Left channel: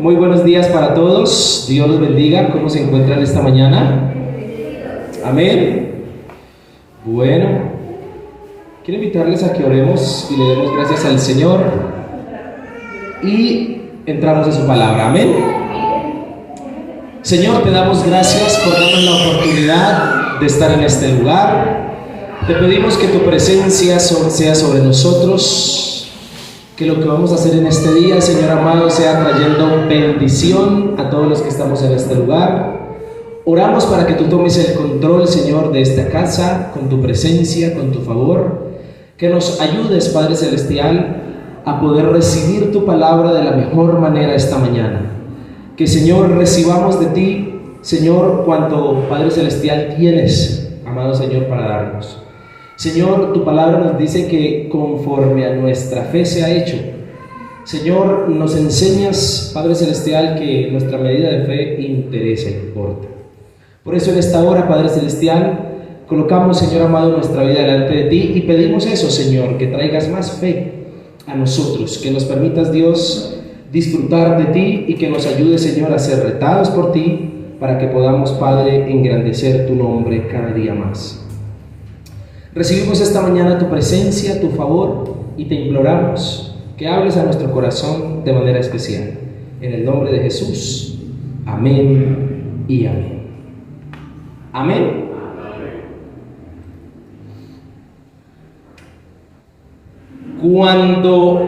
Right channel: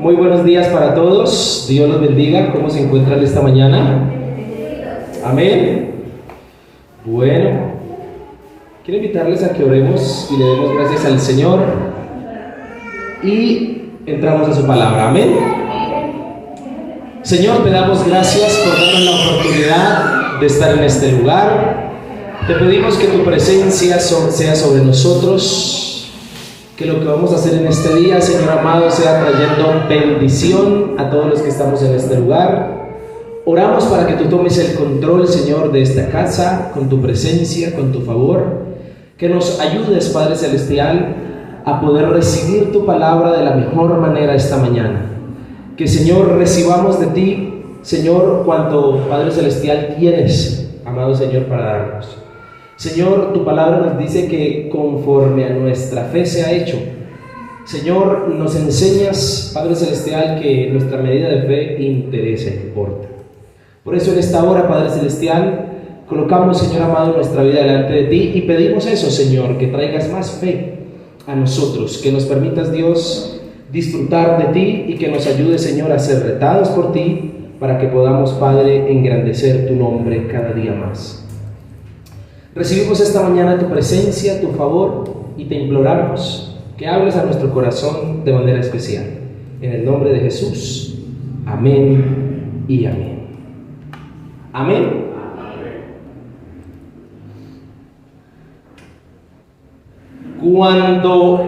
Muy buenos días para todos. Dios los bendiga. ¿Cómo se encuentran esta mañana? Amén. Bueno, quiero invitarles a que oremos y le demos gracias al Señor y entramos a su palabra. Amén. Señor, te damos gracias por darnos la oportunidad de estar en este lugar. Te pedimos que tu presencia sea sobre nosotros. Que lo que vamos a hacer en este día, Señor amado, sea trayendo bendición a todos los que estamos en este lugar. Oramos para que tú tomes el control, Señor, de esta casa, con tu presencia, con tu favor. Que nos ayudes, Padre Celestial, a poder recibir tu palabra de la mejor manera esta mañana. Que, Señor, recibamos de ti, Señor, cuanto, Padre Celestial, tienes, amado Señor, para darnos. Señor, tu palabra nos dice que conforme a nuestra fe se ha hecho. Señor, nos enseñas, Padre Celestial, que nuestra medida de fe interesa y importa. Por eso en esta hora, Padre Celestial, colocamos, Señor amado, nuestra vida delante de ti y pedimos eso, Señor, que traigas más fe a nosotros, que nos permitas, Dios, disfrutar de ti y que nos ayude, Señor, a ser retados por ti para que podamos, Padre, engrandecer tu nombre cada día más. Recibimos esta mañana tu presencia, tu favor y te imploramos que hables a nuestro corazón de manera especial. En el nombre de Jesús, amén y amén. Amén. Cuando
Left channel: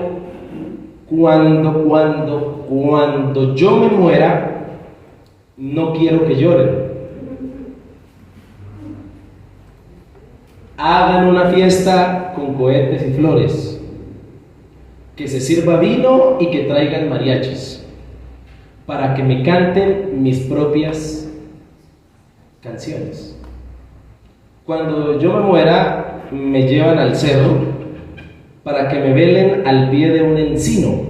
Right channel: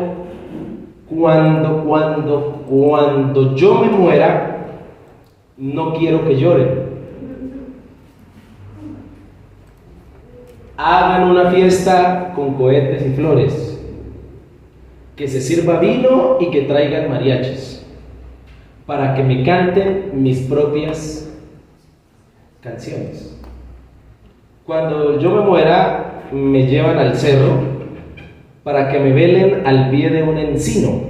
yo me muera, no quiero que lloren. Hagan una fiesta con cohetes y flores, que se sirva vino y que traigan mariachis, para que me canten mis propias canciones. Cuando yo me muera, me llevan al cerro para que me velen al pie de un encino.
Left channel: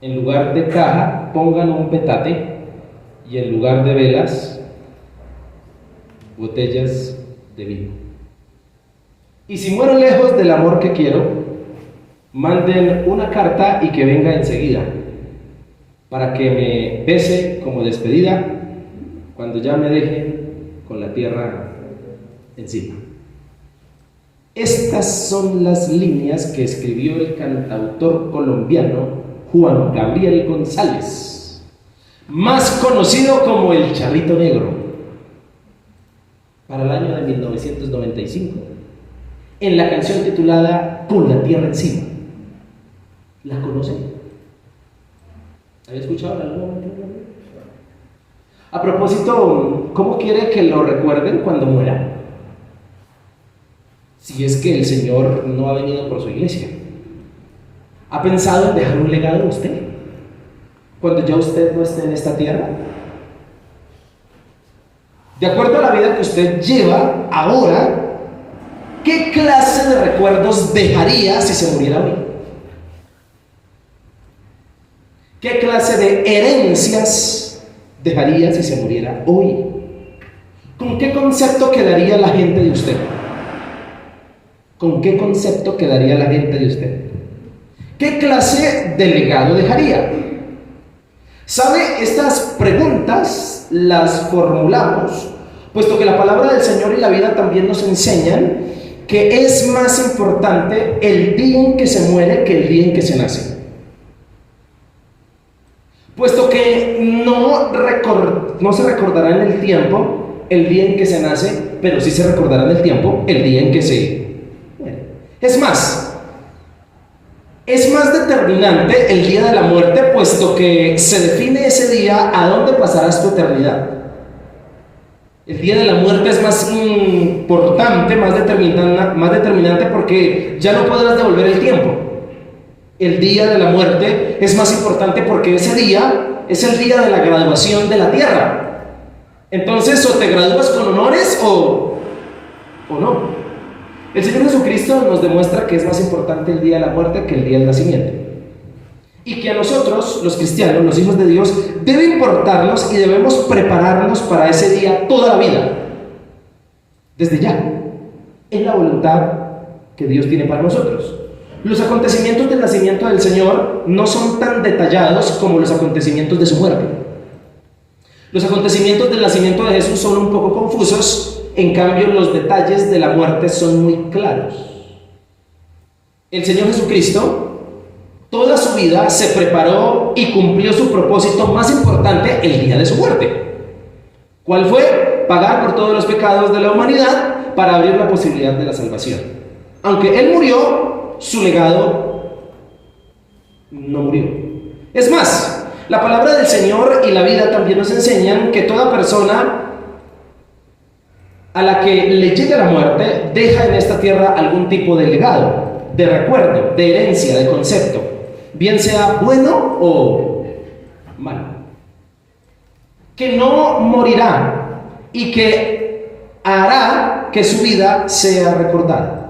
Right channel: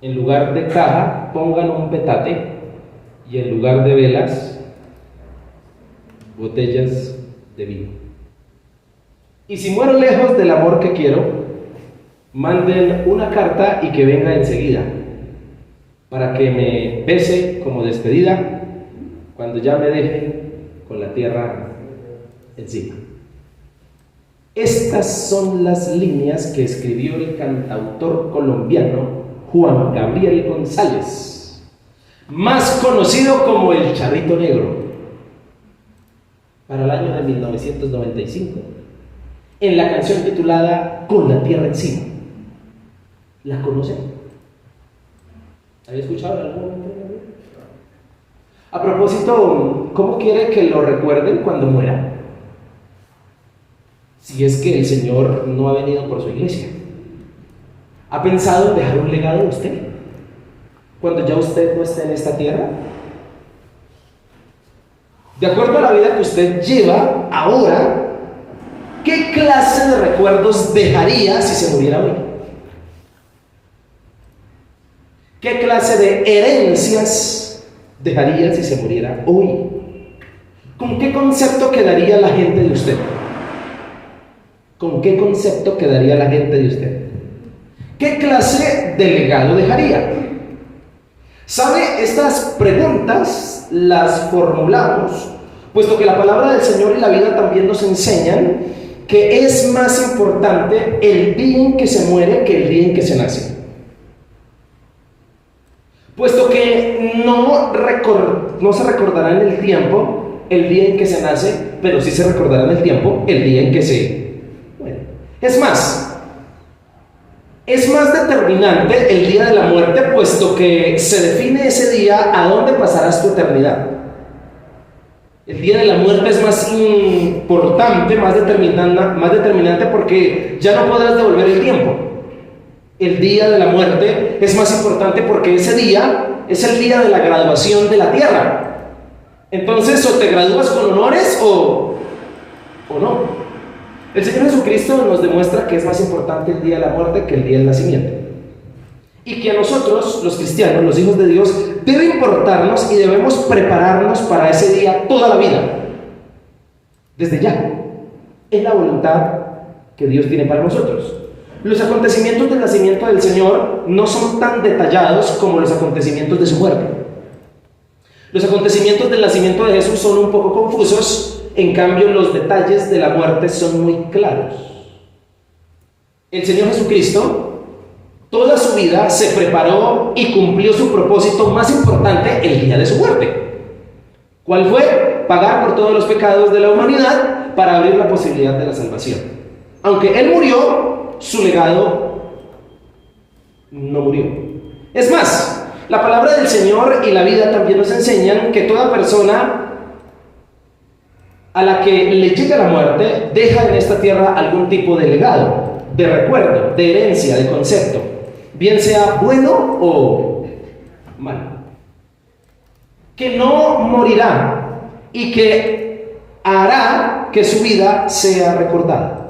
En lugar de caja, pongan un petate y en lugar de velas, botellas de vino. Y si muero lejos del amor que quiero, manden una carta y que venga enseguida, para que me bese como despedida cuando ya me deje con la tierra encima. Estas son las líneas que escribió el cantautor colombiano Juan Gabriel González, más conocido como el Charrito Negro, para el año de 1995. En la canción titulada Con la tierra encima. ¿La conocen? ¿Había escuchado en algún momento? A propósito, ¿cómo quiere que lo recuerden cuando muera? Si es que el Señor no ha venido por su iglesia. ¿Ha pensado en dejar un legado a usted? Cuando ya usted no esté en esta tierra. De acuerdo a la vida que usted lleva ahora, ¿qué clase de recuerdos dejaría si se muriera hoy? ¿Qué clase de herencias dejaría si se muriera hoy? ¿Con qué concepto quedaría la gente de usted? ¿Con qué concepto quedaría la gente de usted? ¿Qué clase de legado dejaría? ¿Sabe? Estas preguntas las formulamos, puesto que la palabra del Señor y la vida también nos enseñan que es más importante el día en que se muere que el día en que se nace. Puesto que no se recordará en el tiempo el día en que se nace, pero sí se recordará en el tiempo el día en que se muere. Es más determinante el día de la muerte, puesto que se define ese día a dónde pasarás tu eternidad. El día de la muerte es más importante, más determinante porque ya no podrás devolver el tiempo. El día de la muerte es más importante porque ese día es el día de la graduación de la tierra. Entonces, o te gradúas con honores o no. El Señor Jesucristo nos demuestra que es más importante el día de la muerte que el día del nacimiento. Y que a nosotros, los cristianos, los hijos de Dios, debe importarnos y debemos prepararnos para ese día toda la vida. Desde ya. Es la voluntad que Dios tiene para nosotros. Los acontecimientos del nacimiento del Señor no son tan detallados como los acontecimientos de su muerte. Los acontecimientos del nacimiento de Jesús son un poco confusos, en cambio los detalles de la muerte son muy claros. El Señor Jesucristo, toda su vida se preparó y cumplió su propósito más importante el día de su muerte. ¿Cuál fue? Pagar por todos los pecados de la humanidad para abrir la posibilidad de la salvación. Aunque Él murió, su legado no murió. Es más, la palabra del Señor y la vida también nos enseñan que toda persona a la que le llega la muerte deja en esta tierra algún tipo de legado, de recuerdo, de herencia, de concepto, bien sea bueno o malo, que no morirá y que hará que su vida sea recordada.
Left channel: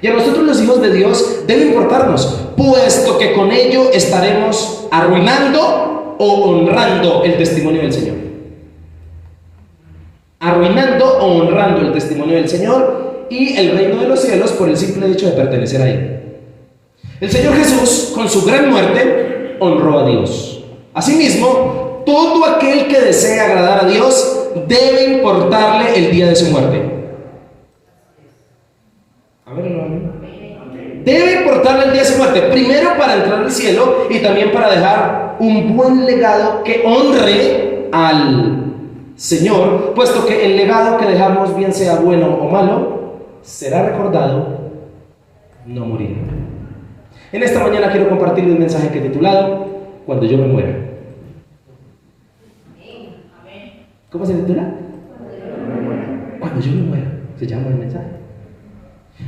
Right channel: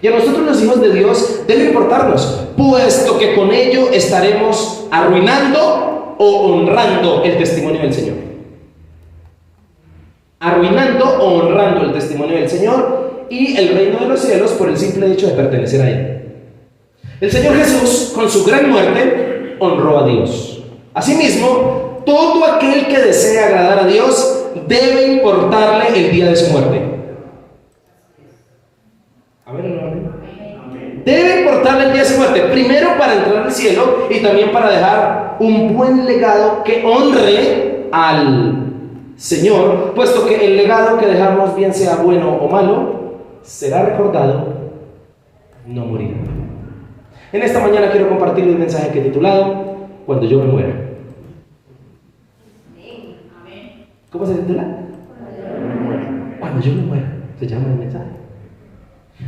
Y a nosotros los hijos de Dios debe importarnos, puesto que con ello estaremos arruinando o honrando el testimonio del Señor. Arruinando o honrando el testimonio del Señor y el reino de los cielos por el simple hecho de pertenecer a Él. El Señor Jesús, con su gran muerte, honró a Dios. Asimismo, todo aquel que desea agradar a Dios debe importarle el día de su muerte. Debe importarle el día de su muerte, primero para entrar al cielo y también para dejar un buen legado que honre al Señor, puesto que el legado que dejamos, bien sea bueno o malo, será recordado, no morirá. En esta mañana quiero compartir un mensaje que he titulado Cuando yo me muera. ¿Cómo se titula? Cuando yo me muera, se llama el mensaje.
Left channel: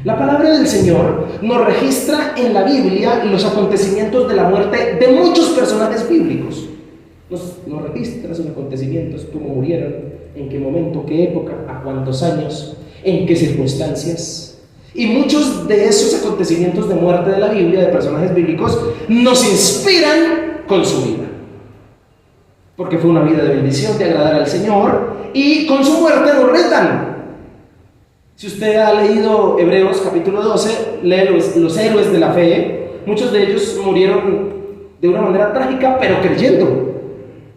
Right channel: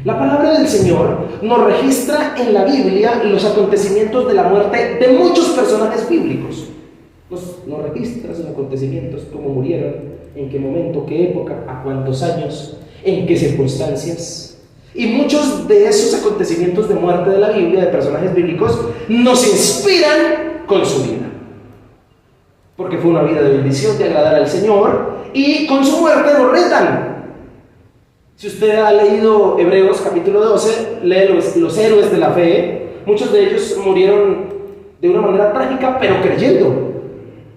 La palabra del Señor nos registra en la Biblia los acontecimientos de la muerte de muchos personajes bíblicos. Nos registra esos acontecimientos, cómo murieron, en qué momento, qué época, a cuántos años, en qué circunstancias. Y muchos de esos acontecimientos de muerte de la Biblia, de personajes bíblicos, nos inspiran con su vida. Porque fue una vida de bendición, de agradar al Señor, y con su muerte nos retan. Si usted ha leído Hebreos capítulo 12, lee los héroes de la fe. Muchos de ellos murieron de una manera trágica, pero creyendo.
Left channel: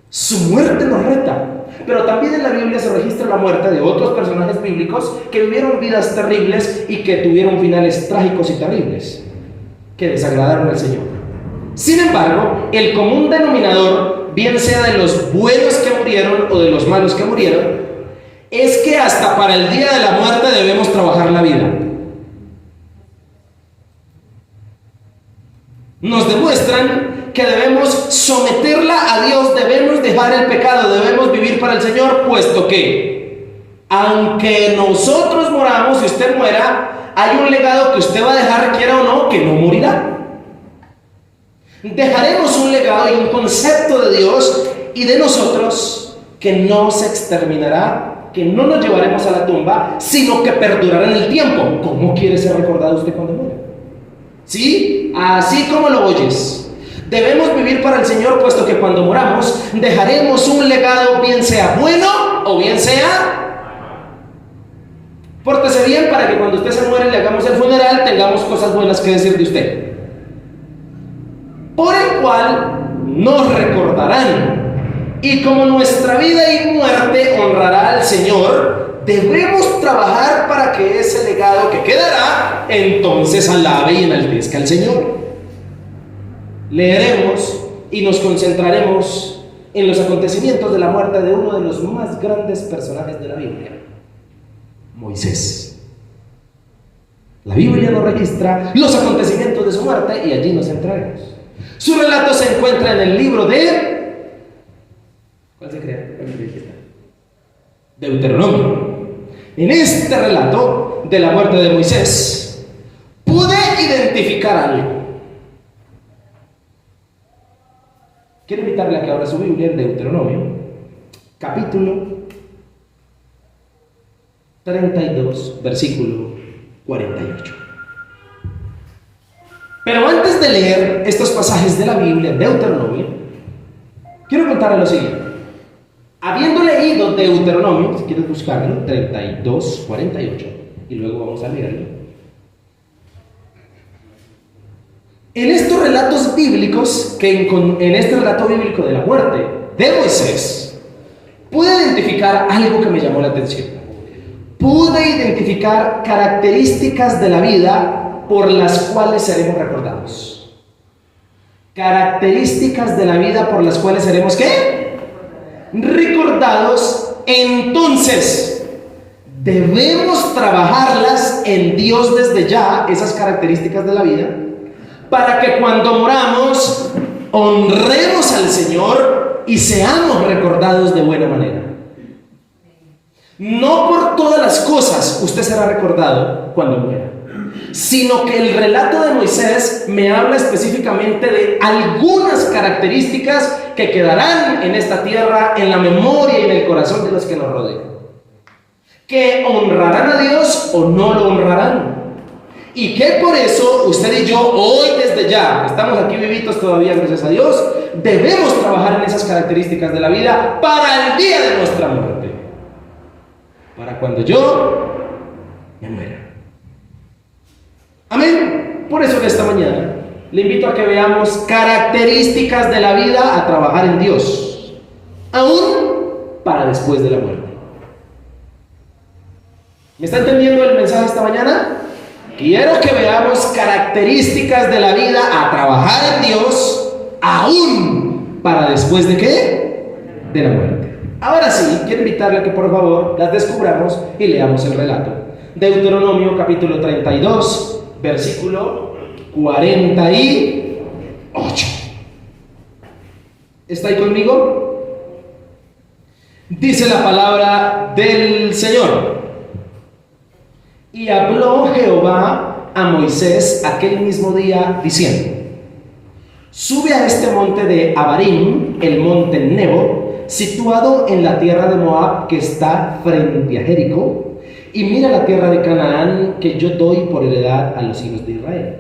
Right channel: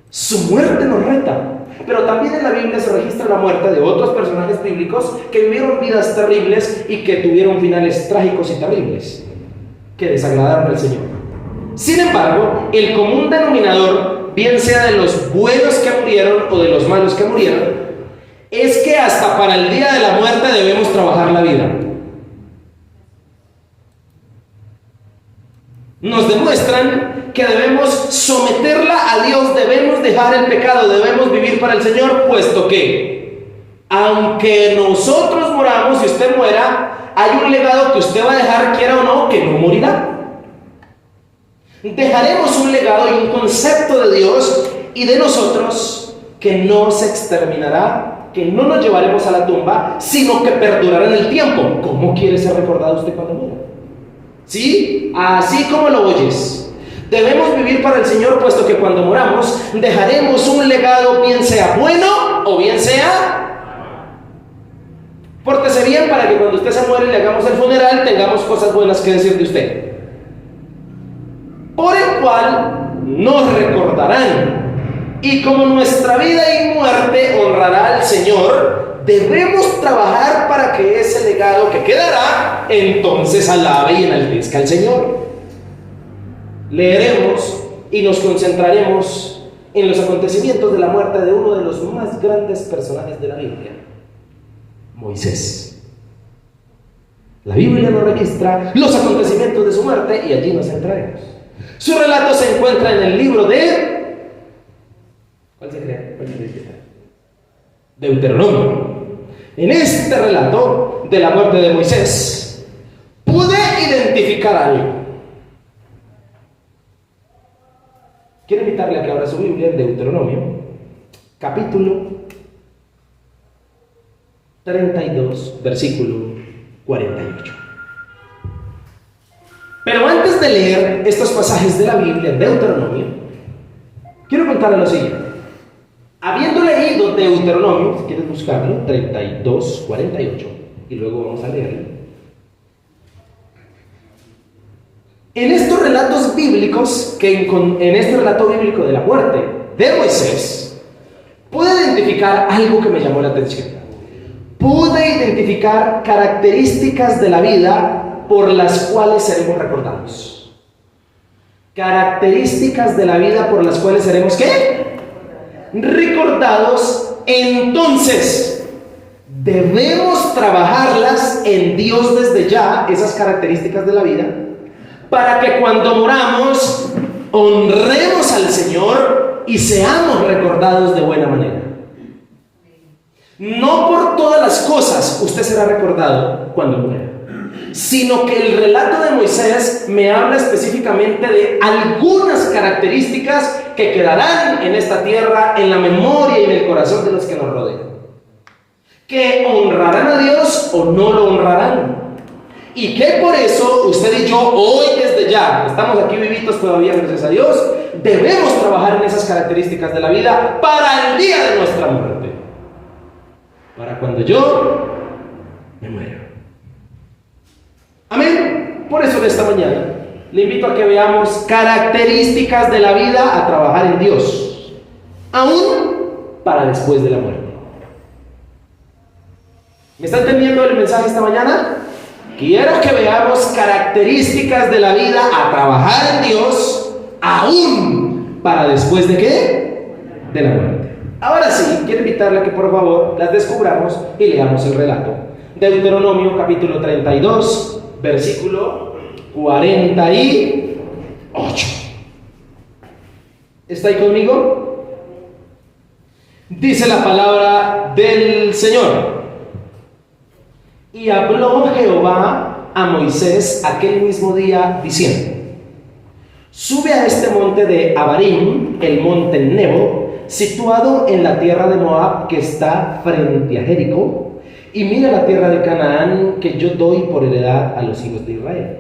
Su muerte nos reta. Pero también en la Biblia se registra la muerte de otros personajes bíblicos que vivieron vidas terribles y que tuvieron finales trágicos y terribles, que desagradaron al Señor. Sin embargo, el común denominador, bien sea de los buenos que murieron o de los malos que murieron, es que hasta para el día de la muerte debemos trabajar la vida. Nos demuestran que debemos someterla a Dios, debemos dejar el pecado, debemos vivir para el Señor, puesto que aunque nosotros moramos y usted muera, hay un legado que usted va a dejar, quiera o no, que no morirá. Dejaremos un legado y un concepto de Dios y de nosotros que no se exterminará, que no nos llevaremos a la tumba, sino que perdurará en el tiempo. ¿Cómo quiere ser recordado usted cuando muera? ¿Sí? Así como lo oyes. Debemos vivir para el Señor, puesto que cuando moramos dejaremos un legado, bien sea bueno o bien sea. Pórtese bien para que cuando usted se muere y le hagamos el funeral tengamos cosas buenas que decir de usted. Por el cual nos recordarán. Y como nuestra vida y muerte honrará al Señor, debemos trabajar para que ese legado que quedará entonces alabe y enaltezca al Señor. Leeremos y nos concentraremos en los acontecimientos de la muerte de uno de los más grandes personajes de la Biblia, Moisés. La Biblia nos registra los acontecimientos de su muerte y allí nos centraremos. Su relato se encuentra en el libro de... ¿Cuál se cree? Deuteronomio. En este relato de la muerte de Moisés pude identificar algo. Quiero invitarle a que abra su Biblia en Deuteronomio, capítulo 32, versículo 48. Pero antes de leer estos pasajes de la Biblia en Deuteronomio, quiero contarle lo siguiente. Habiendo leído Deuteronomio, si quieres buscarlo, 32, 48, y luego vamos a leerlo. En estos relatos bíblicos, en este relato bíblico de la muerte de Moisés, pude identificar algo que me llamó la atención. Pude identificar características de la vida por las cuales seremos recordados. Características de la vida por las cuales seremos ¿qué? Recordados. Entonces, debemos trabajarlas en Dios desde ya, esas características de la vida, para que cuando moramos honremos al Señor y seamos recordados de buena manera. No por todas las cosas usted será recordado cuando muera, sino que el relato de Moisés me habla específicamente de algunas características que quedarán en esta tierra, en la memoria y en el corazón de los que nos rodean, que honrarán a Dios o no lo honrarán. Y que por eso usted y yo hoy desde ya, estamos aquí vivitos todavía gracias a Dios, debemos trabajar en esas características de la vida para el día de nuestra muerte, para cuando yo me muera. Amén. Por eso en esta mañana le invito a que veamos características de la vida a trabajar en Dios, aún para después de la muerte. ¿Me está entendiendo el mensaje esta mañana? Quiero que veamos características de la vida a trabajar en Dios, aún para después de ¿qué? De la muerte. Ahora sí, quiero invitarle a que por favor las descubramos y leamos el relato. Deuteronomio capítulo 32, versículo 48. ¿Está ahí conmigo? Dice la palabra del Señor. Y habló Jehová a Moisés aquel mismo día diciendo: sube a este monte de Abarim, el monte Nebo, situado en la tierra de Moab, que está frente a Jericó, y mira la tierra de Canaán que yo doy por heredad a los hijos de Israel.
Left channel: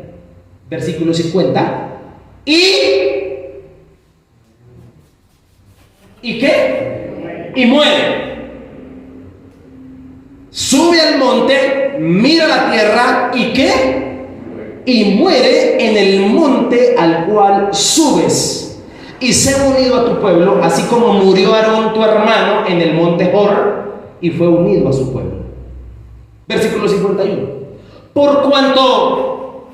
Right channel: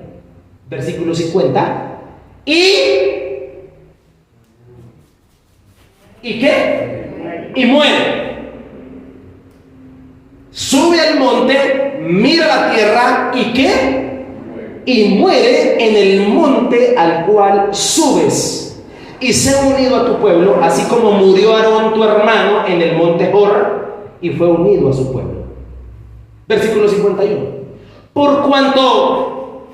Versículo 50. ¿Y qué? Y muere. Sube al monte, mira la tierra, ¿y qué? Y muere en el monte al cual subes, y sé unido a tu pueblo, así como murió Aarón tu hermano en el monte Hor, y fue unido a su pueblo. Versículo 51. Por cuanto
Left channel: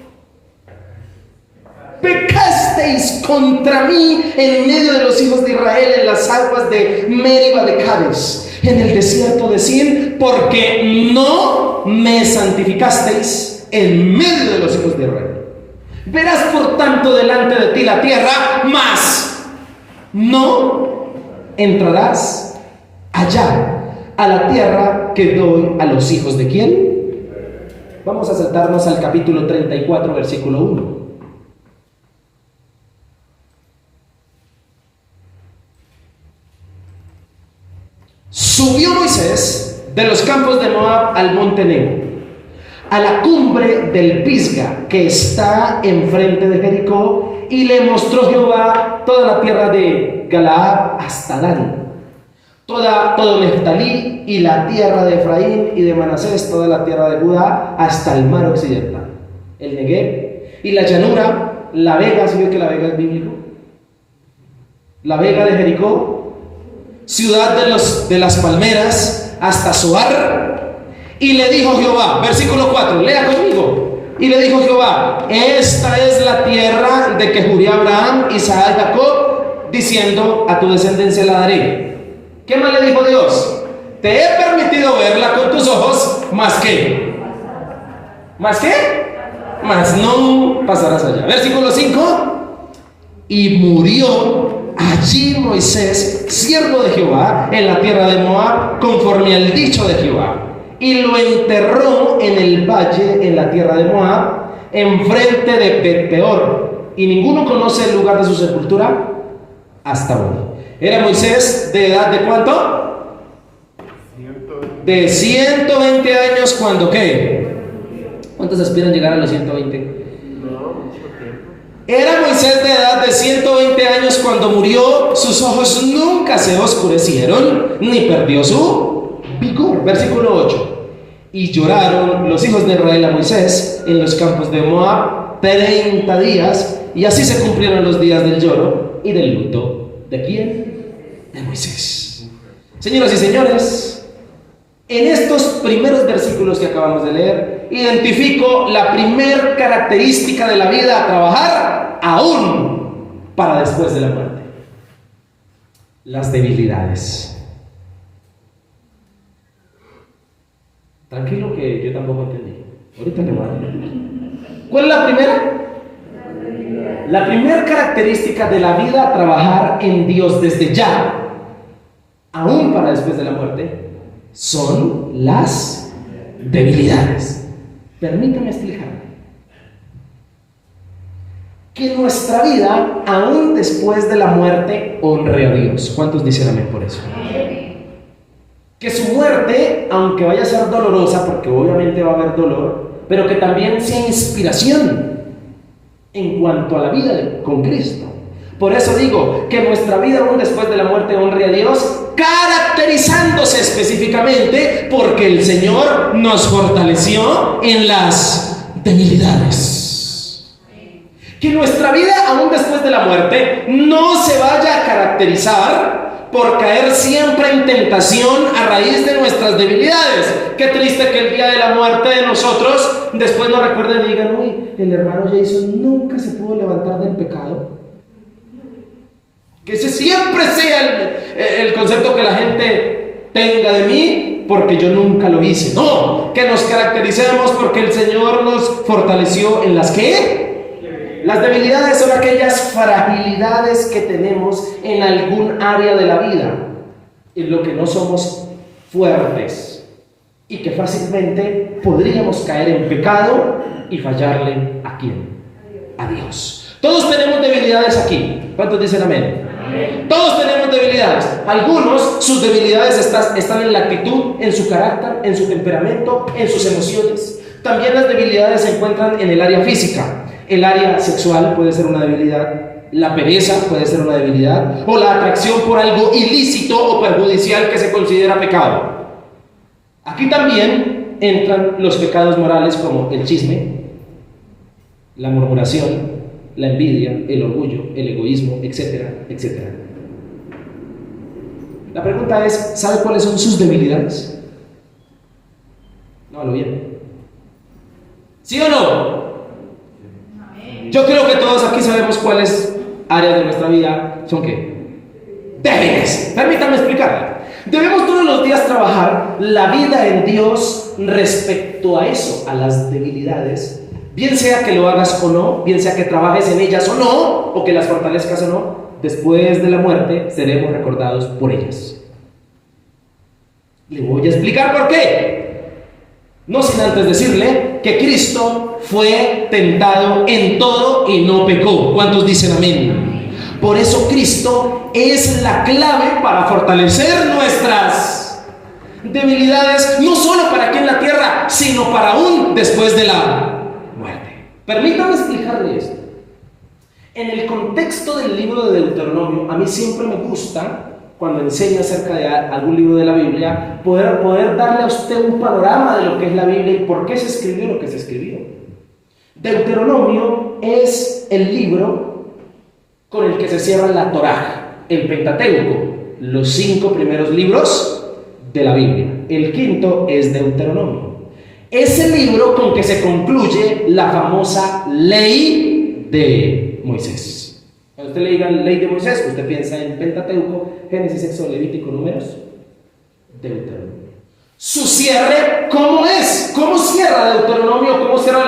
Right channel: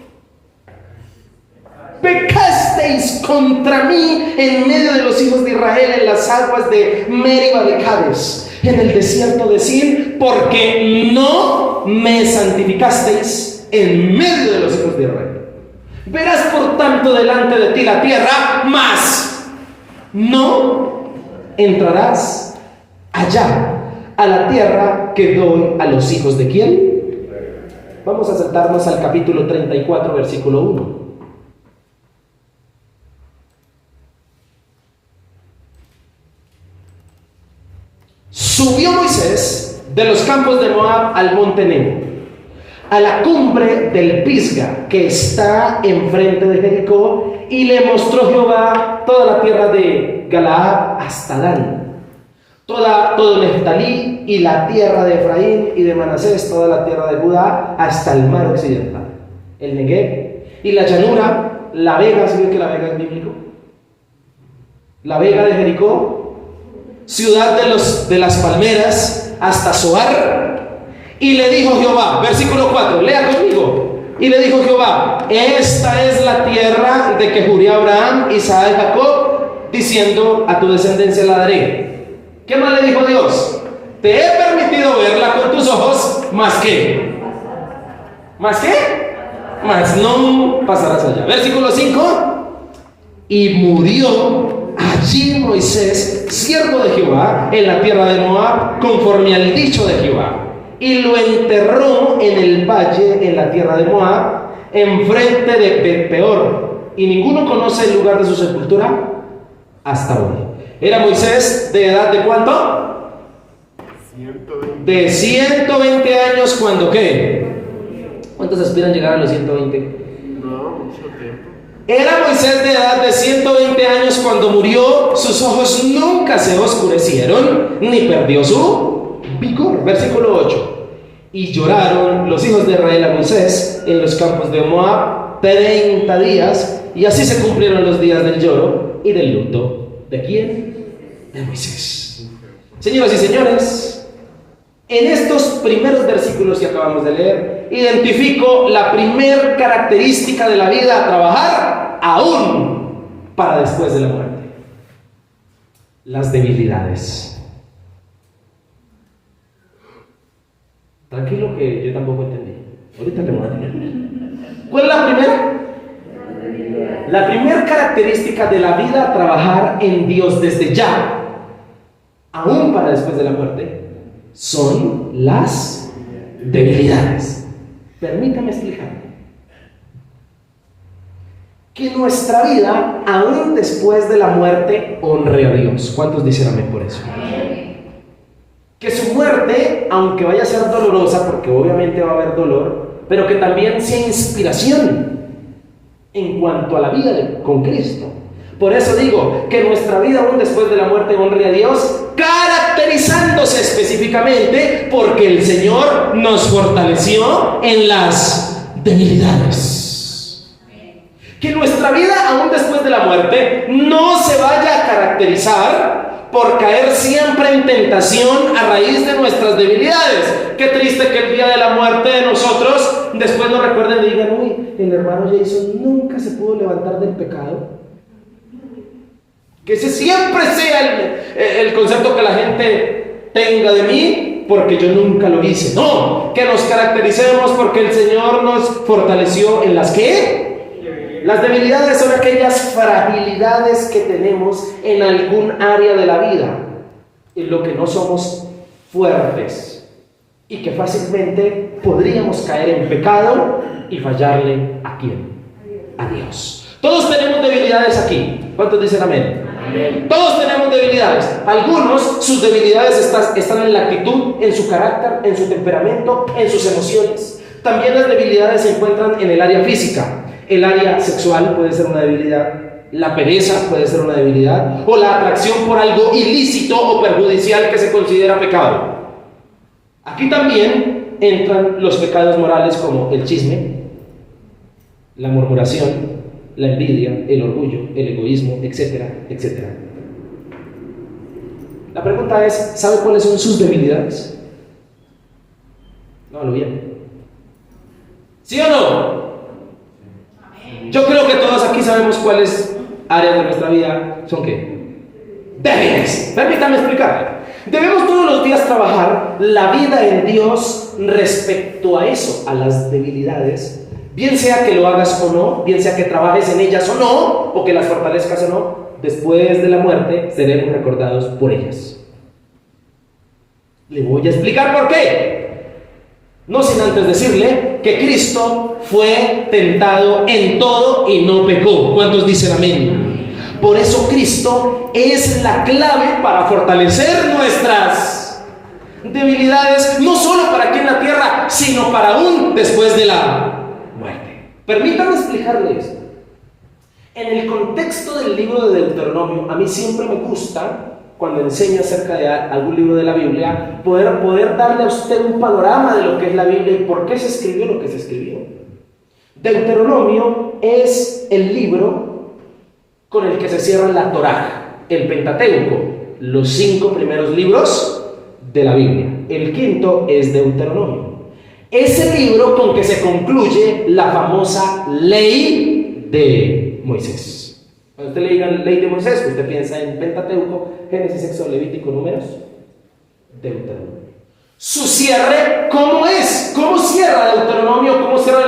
pecasteis contra mí en medio de los hijos de Israel en las aguas de Meriba de Cades, en el desierto de Sin, porque no me santificasteis en medio de los hijos de Israel. Verás por tanto delante de ti la tierra, mas no entrarás allá a la tierra que doy a los hijos de ¿quién? Vamos a saltarnos al capítulo 34, versículo 1. Subió Moisés de los campos de Moab al monte Nebo, a la cumbre del Pisga, que está enfrente de Jericó, y le mostró Jehová toda la tierra de Galaad hasta Dan, todo Neftalí y la tierra de Efraín y de Manasés, toda la tierra de Judá hasta el mar occidental, el Negev y la llanura, la vega. ¿Sí ve que la vega es bíblico? La vega de Jericó, ciudad de las palmeras, hasta Zoar. Y le dijo Jehová, versículo 4, lea conmigo. Y le dijo Jehová: esta es la tierra de que juré a Abraham, Isaac y Jacob, diciendo: a tu descendencia la daré. ¿Qué más le dijo Dios? Te he permitido verla con tus ojos, ¿más qué? ¿Más qué? Más no pasarás allá. Versículo 5. Y murió allí Moisés, siervo de Jehová, en la tierra de Moab, conforme al dicho de Jehová, y lo enterró en el valle, en la tierra de Moab, enfrente de Bet-peor, y ninguno conoce el lugar de su sepultura hasta hoy. Era Moisés de edad de ¿cuánto? 120. De 120 años. ¿Cuándo qué? ¿Cuántos aspiran llegar a los 120? Era Moisés de edad de 120 años cuando murió. Sus ojos nunca se oscurecieron, ni perdió su vigor. Versículo 8. Y lloraron los hijos de Israel a Moisés en los campos de Moab, 30 días, y así se cumplieron los días del lloro y del luto. ¿De quién? De Moisés. Señoras y señores, en estos primeros versículos que acabamos de leer, identifico la primer característica de la vida a trabajar aún para después de la muerte: las debilidades. Tranquilo que yo tampoco entendí. Ahorita le voy a decir. ¿Cuál es la primera? La primera característica de la vida a trabajar en Dios desde ya, aún para después de la muerte, son las debilidades. Permítame explicar. Que nuestra vida, aún después de la muerte, honre a Dios. ¿Cuántos dicen amén por eso? Que su muerte, aunque vaya a ser dolorosa, porque obviamente va a haber dolor, pero que también sea inspiración en cuanto a la vida con Cristo. Por eso digo que nuestra vida aún después de la muerte honre a Dios, caracterizándose específicamente porque el Señor nos fortaleció en las debilidades. Que nuestra vida aún después de la muerte no se vaya a caracterizar por caer siempre en tentación a raíz de nuestras debilidades. Qué triste que el día de la muerte de nosotros después nos recuerden y digan: uy, el hermano Jason nunca se pudo levantar del pecado. Que ese siempre sea el concepto que la gente tenga de mí, porque yo nunca lo hice. No, que nos caractericemos porque el Señor nos fortaleció en las que... Las debilidades son aquellas fragilidades que tenemos en algún área de la vida, en lo que no somos fuertes y que fácilmente podríamos caer en pecado y fallarle ¿a quién? A Dios. Todos tenemos debilidades aquí. ¿Cuántos dicen amén? Amén. Todos tenemos debilidades. Algunos, sus debilidades están en la actitud, en su carácter, en su temperamento, en sus emociones. También las debilidades se encuentran en el área física. El área sexual puede ser una debilidad, la pereza puede ser una debilidad, o la atracción por algo ilícito o perjudicial que se considera pecado. Aquí también entran los pecados morales como el chisme, la murmuración, la envidia, el orgullo, el egoísmo, etcétera, etcétera. La pregunta es, ¿sabe cuáles son sus debilidades? No lo bien. ¿Sí o no? Yo creo que todos aquí sabemos cuáles áreas de nuestra vida son ¿qué? Débiles. Permítame explicar. Debemos todos los días trabajar la vida en Dios respecto a eso, a las debilidades, bien sea que lo hagas o no, bien sea que trabajes en ellas o no, o que las fortalezcas o no. Después de la muerte seremos recordados por ellas. Le voy a explicar por qué. No sin antes decirle que Cristo fue tentado en todo y no pecó. ¿Cuántos dicen amén? Por eso Cristo es la clave para fortalecer nuestras debilidades, no solo para aquí en la tierra, sino para aún después de la muerte. Permítame explicarle esto. En el contexto del libro de Deuteronomio, a mí siempre me gusta, cuando enseño acerca de algún libro de la Biblia, poder darle a usted un panorama de lo que es la Biblia y por qué se escribió lo que se escribió. Deuteronomio es el libro con el que se cierra la Torá, el Pentateuco, los 5 primeros libros de la Biblia. El quinto es Deuteronomio. Es el libro con que se concluye la famosa ley de Moisés. Cuando usted le diga ley de Moisés, usted piensa en Pentateuco, Génesis, Éxodo, Levítico, Números, Deuteronomio. Su cierre, ¿cómo es? ¿Cómo cierra Deuteronomio? ¿Cómo cierra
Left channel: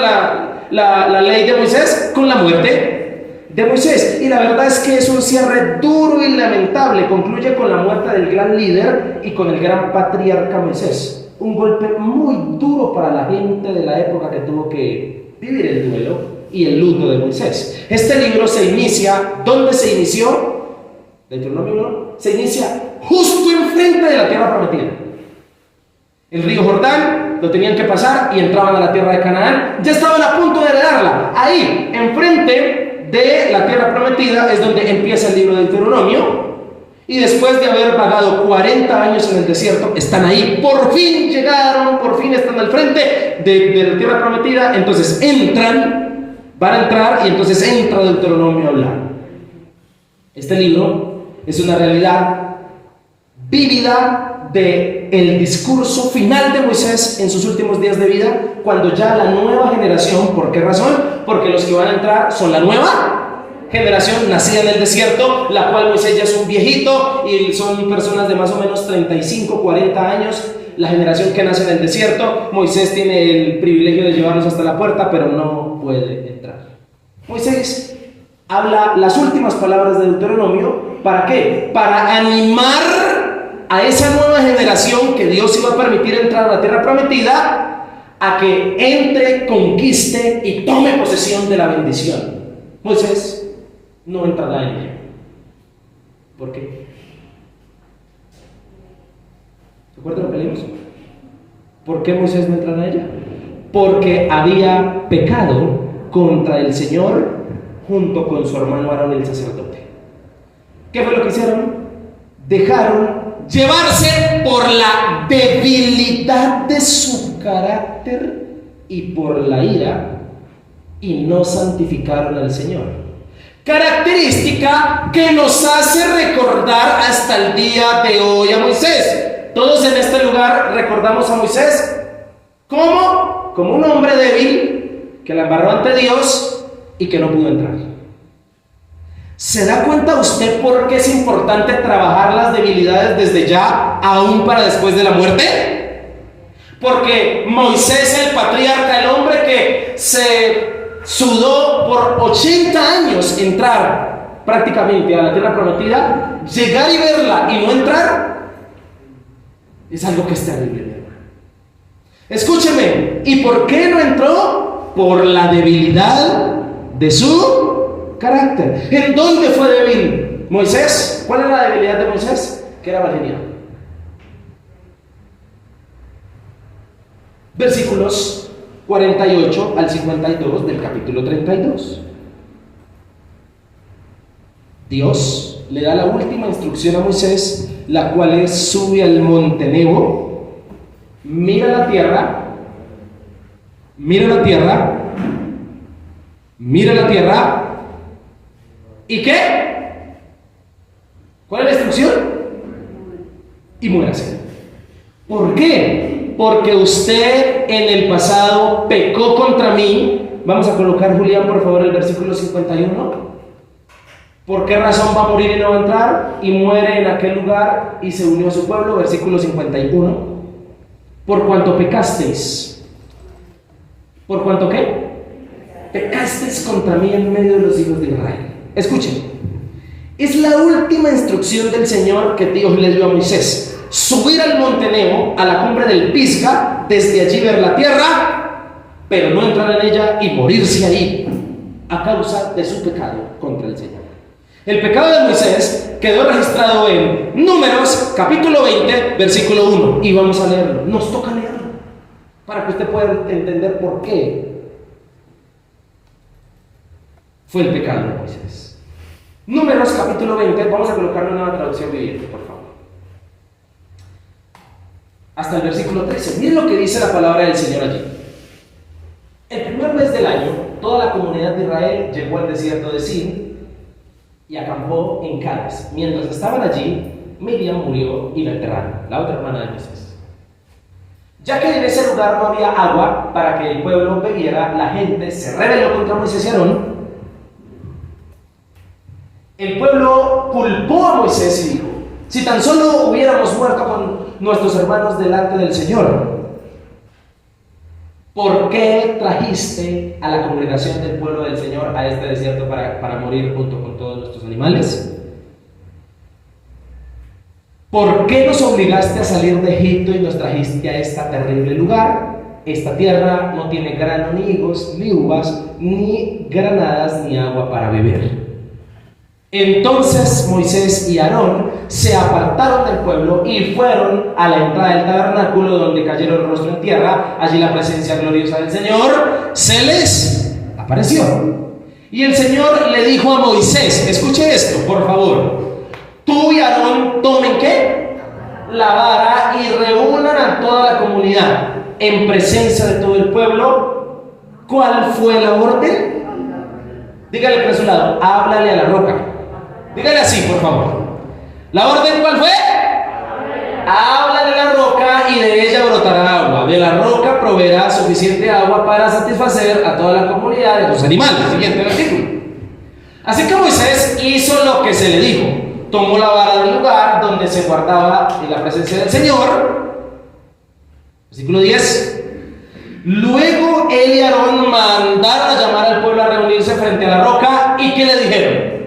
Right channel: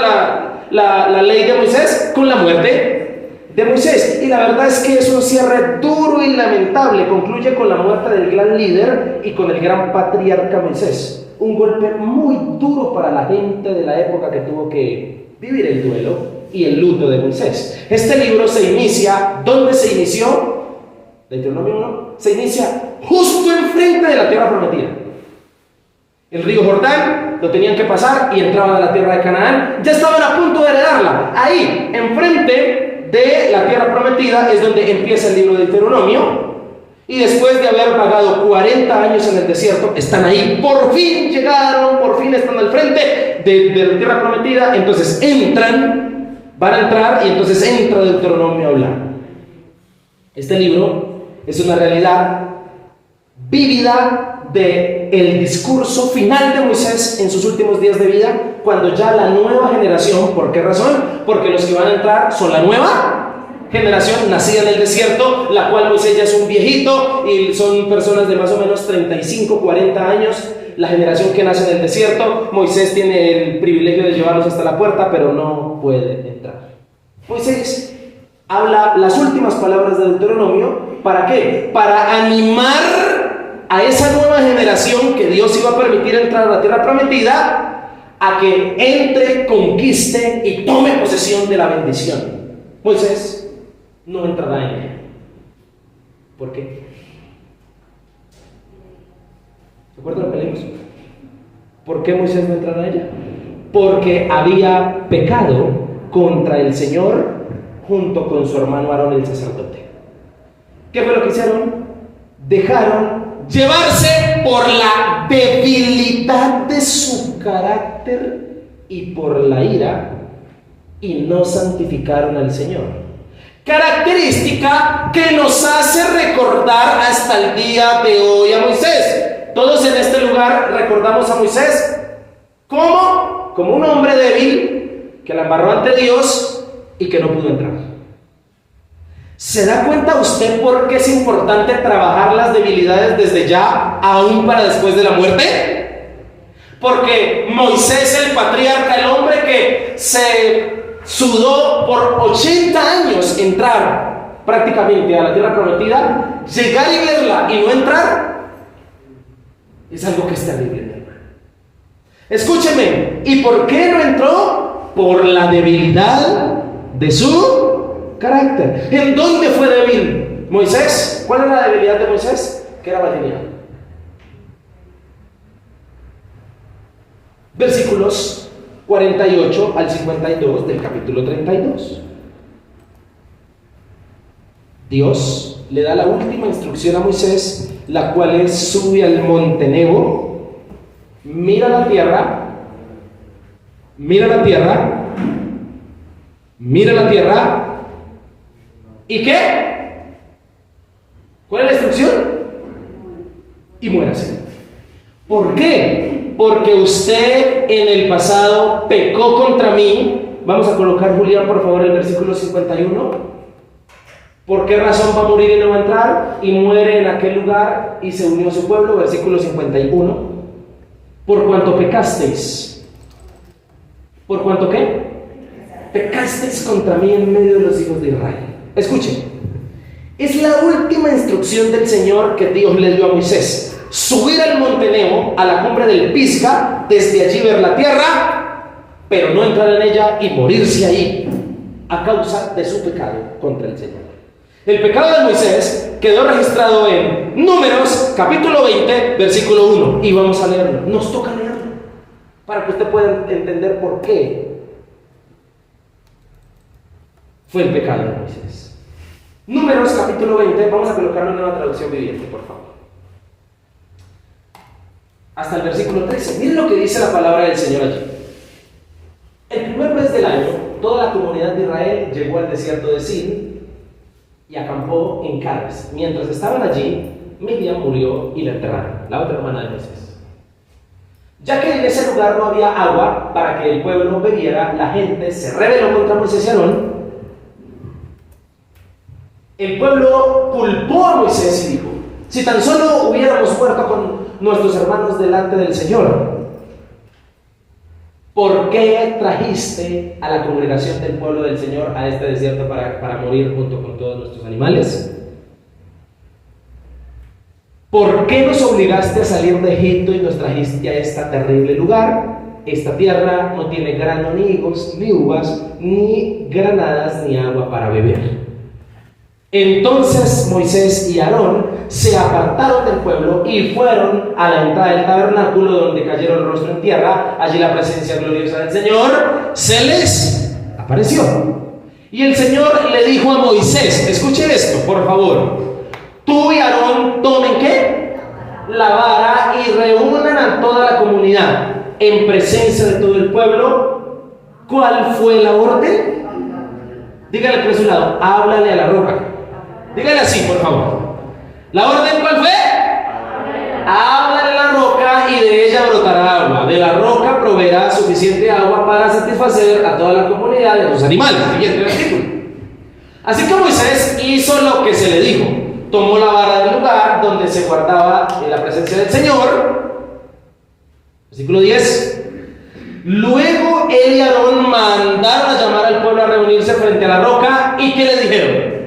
la ley de Moisés? Con la muerte de Moisés. Y la verdad es que es un cierre duro y lamentable. Concluye con la muerte del gran líder y con el gran patriarca Moisés. Un golpe muy duro para la gente de la época que tuvo que vivir el duelo y el luto de Moisés. Este libro se inicia, ¿dónde se inició? Deuteronomio 1, se inicia justo enfrente de la tierra prometida. El río Jordán lo tenían que pasar y entraban a la tierra de Canaán. Ya estaban a punto de heredarla. Ahí, enfrente de la tierra prometida, es donde empieza el libro de Deuteronomio. Y después de haber vagado 40 años en el desierto, están ahí. Por fin llegaron, por fin están al frente de la tierra prometida. Entonces entran Van a entrar y entonces entra Deuteronomio a hablar. Este libro es una realidad vívida del discurso final de Moisés en sus últimos días de vida, cuando ya la nueva generación, ¿por qué razón? Porque los que van a entrar son la nueva generación nacida en el desierto, la cual Moisés ya es un viejito y son personas de más o menos 35, 40 años. La generación que nace en el desierto, Moisés tiene el privilegio de llevarlos hasta la puerta, pero no puede entrar. Moisés habla las últimas palabras de Deuteronomio, ¿para qué? Para animar a esa nueva generación que Dios iba a permitir entrar a la tierra prometida, a que entre, conquiste y tome posesión de la bendición. Moisés no entrará en ella. ¿Por qué? ¿Recuerdan lo que leímos? ¿Por qué Moisés no entrará en ella? Porque había pecado contra el Señor junto con su hermano Aarón el sacerdote. ¿Qué fue lo que hicieron? Dejaron llevarse por la debilidad de su carácter y por la ira, y no santificaron al Señor. Característica que nos hace recordar hasta el día de hoy a Moisés. Todos en este lugar recordamos a Moisés. ¿Cómo? Como un hombre débil que la embarró ante Dios y que no pudo entrar. ¿Se da cuenta usted por qué es importante trabajar las debilidades desde ya, aún para después de la muerte? Porque Moisés, el patriarca, el hombre que se sudó por 80 años entrar prácticamente a la tierra prometida, llegar y verla y no entrar, es algo que es terrible. Escúcheme, ¿y por qué no entró? Por la debilidad de su carácter. ¿En dónde fue débil Moisés? ¿Cuál era la debilidad de Moisés? Que era valeriano. Versículos 48 al 52 del capítulo 32. Dios le da la última instrucción a Moisés, la cual es: sube al monte Nebo, mira la tierra, mira la tierra, mira la tierra, ¿y qué? ¿Cuál es la instrucción? Y muérase. ¿Por qué? Porque usted en el pasado pecó contra mí. Vamos a colocar, Julián, por favor, el versículo 51. ¿Por qué razón va a morir y no va a entrar? Y muere en aquel lugar y se unió a su pueblo. Versículo 51. Por cuanto pecasteis. ¿Por cuanto qué? Pecasteis contra mí en medio de los hijos de Israel. Escuchen, es la última instrucción del Señor que Dios le dio a Moisés: subir al monte Nebo, a la cumbre del Pisga, desde allí ver la tierra, pero no entrar en ella y morirse ahí a causa de su pecado contra el Señor. El pecado de Moisés quedó registrado en Números capítulo 20 versículo 1, y vamos a leerlo. Nos toca leerlo para que usted pueda entender por qué fue el pecado de Moisés. Números capítulo 20, vamos a colocar una nueva traducción viviente, por favor. Hasta el versículo 13. Miren lo que dice la palabra del Señor allí. El primer mes del año, toda la comunidad de Israel llegó al desierto de Sin y acampó en Cades. Mientras estaban allí, Miriam murió y la enterraron, la otra hermana de Moisés. Ya que en ese lugar no había agua para que el pueblo bebiera, la gente se rebeló contra Moisés y Aarón. El pueblo culpó a Moisés y dijo: si tan solo hubiéramos muerto con nuestros hermanos delante del Señor, ¿por qué trajiste a la congregación del pueblo del Señor a este desierto para morir junto con todos nuestros animales? ¿Por qué nos obligaste a salir de Egipto y nos trajiste a este terrible lugar? Esta tierra no tiene grano, ni higos, ni uvas, ni granadas, ni agua para beber. Entonces Moisés y Aarón se apartaron del pueblo y fueron a la entrada del tabernáculo, donde cayeron rostro en tierra. Allí la presencia gloriosa del Señor se les apareció. Y el Señor le dijo a Moisés, escuche esto, por favor: tú y Aarón tomen ¿qué? La vara y reúnan a toda la comunidad en presencia de todo el pueblo. ¿Cuál fue la orden? Dígale por su lado, háblale a la roca. Dígale así, por favor. ¿La orden cuál fue? Háblale a la roca y de ella brotará agua. De la roca proveerá suficiente agua para satisfacer a toda la comunidad de los animales. Siguiente versículo. Así que Moisés hizo lo que se le dijo. Tomó la vara del lugar donde se guardaba en la presencia del Señor. Versículo 10. Luego él y Aarón mandaron a llamar al pueblo a reunirse frente a la roca. ¿Y qué le dijeron?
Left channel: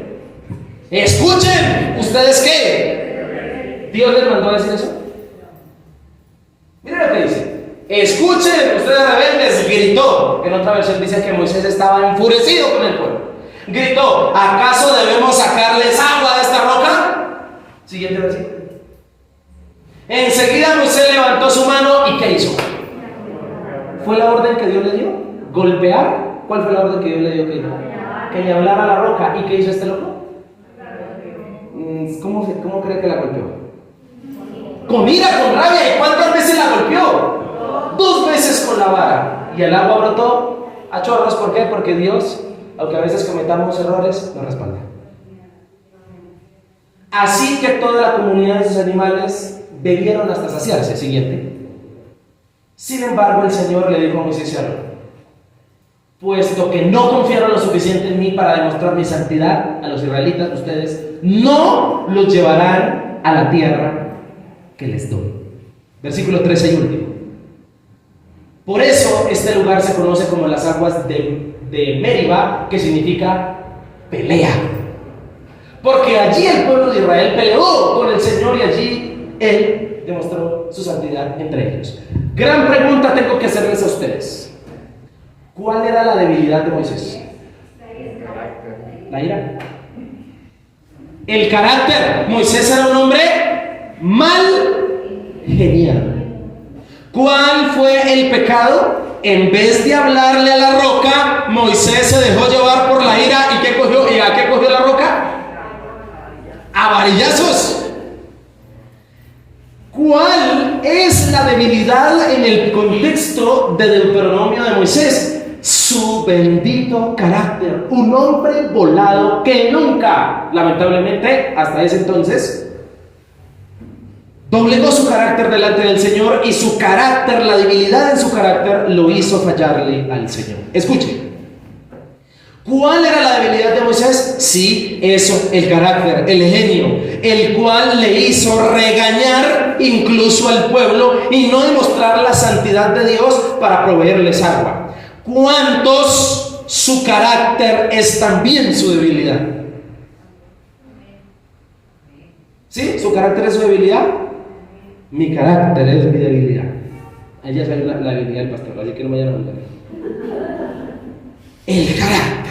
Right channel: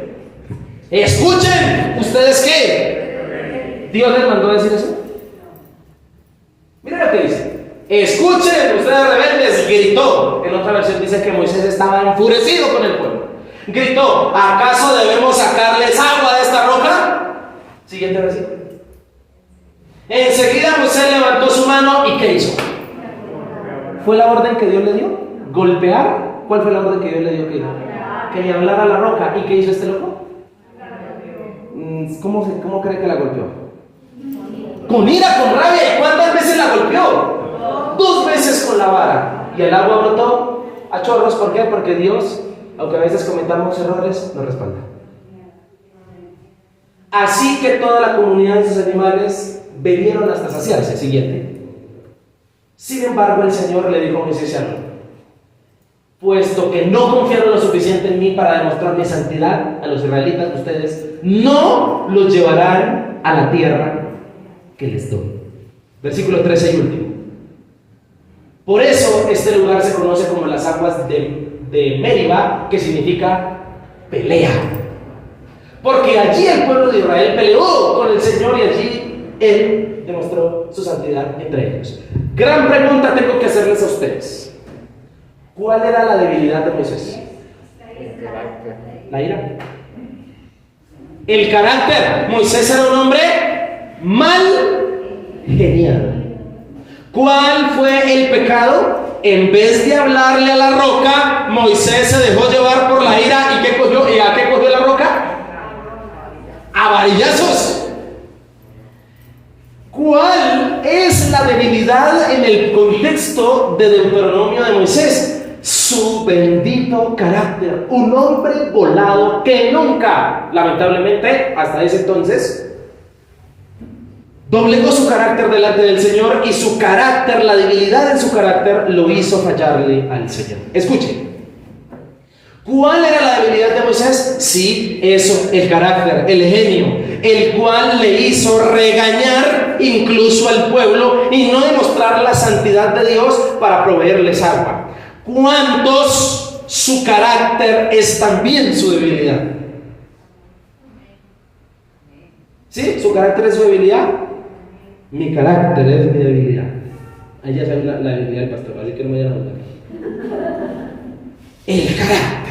Escuchen, ¿ustedes qué? ¿Dios les mandó a decir eso? Miren lo que dice. Escuchen, ustedes rebeldes, gritó. En otra versión dice que Moisés estaba enfurecido con el pueblo. Gritó, ¿acaso debemos sacarles agua de esta roca? Siguiente versículo. Enseguida Moisés levantó su mano y ¿qué hizo? ¿Fue la orden que Dios le dio? ¿Golpear? ¿Cuál fue la orden que Dios le dio? Que le hablara a la roca. ¿Y qué hizo este loco? ¿Cómo cree que la golpeó? Con ira, con rabia. ¿Y cuántas veces la golpeó? 2 veces con la vara. Y el agua brotó a chorros. ¿Por qué? Porque Dios, aunque a veces cometamos errores, nos respalda. Así que toda la comunidad de esos animales bebieron hasta saciarse. Siguiente. Sin embargo, el Señor le dijo a Moisés y a Aarón: puesto que no confiaron lo suficiente en mí para demostrar mi santidad a los israelitas, ustedes no los llevarán a la tierra que les doy. Versículo 13 y último. Por eso este lugar se conoce como las aguas de Meriba, que significa pelea. Porque allí el pueblo de Israel peleó con el Señor y allí Él demostró su santidad entre ellos. Gran pregunta tengo que hacerles a ustedes. ¿Cuál era la debilidad de Moisés? La ira. El carácter. Moisés era un hombre mal genial. ¿Cuál fue el pecado? En vez de hablarle a la roca, Moisés se dejó llevar por la ira. ¿Y qué cogió? ¿Y a qué cogió la roca? A varillazos. ¿Cuál es la debilidad en el contexto de Deuteronomio de Moisés? Su bendito carácter. Un hombre volado que nunca, lamentablemente, hasta ese entonces, doblegó su carácter delante del Señor, y su carácter, la debilidad en su carácter, lo hizo fallarle al Señor. Escuchen. ¿Cuál era la debilidad de Moisés? Sí, eso, el carácter, el genio, el cual le hizo regañar incluso al pueblo y no demostrar la santidad de Dios para proveerles agua. ¿Cuántos su carácter es también su debilidad? ¿Sí? ¿Su carácter es su debilidad? Mi carácter es mi debilidad. Ahí ya saben la debilidad del pastor, así que no me vayan a mandar. El carácter.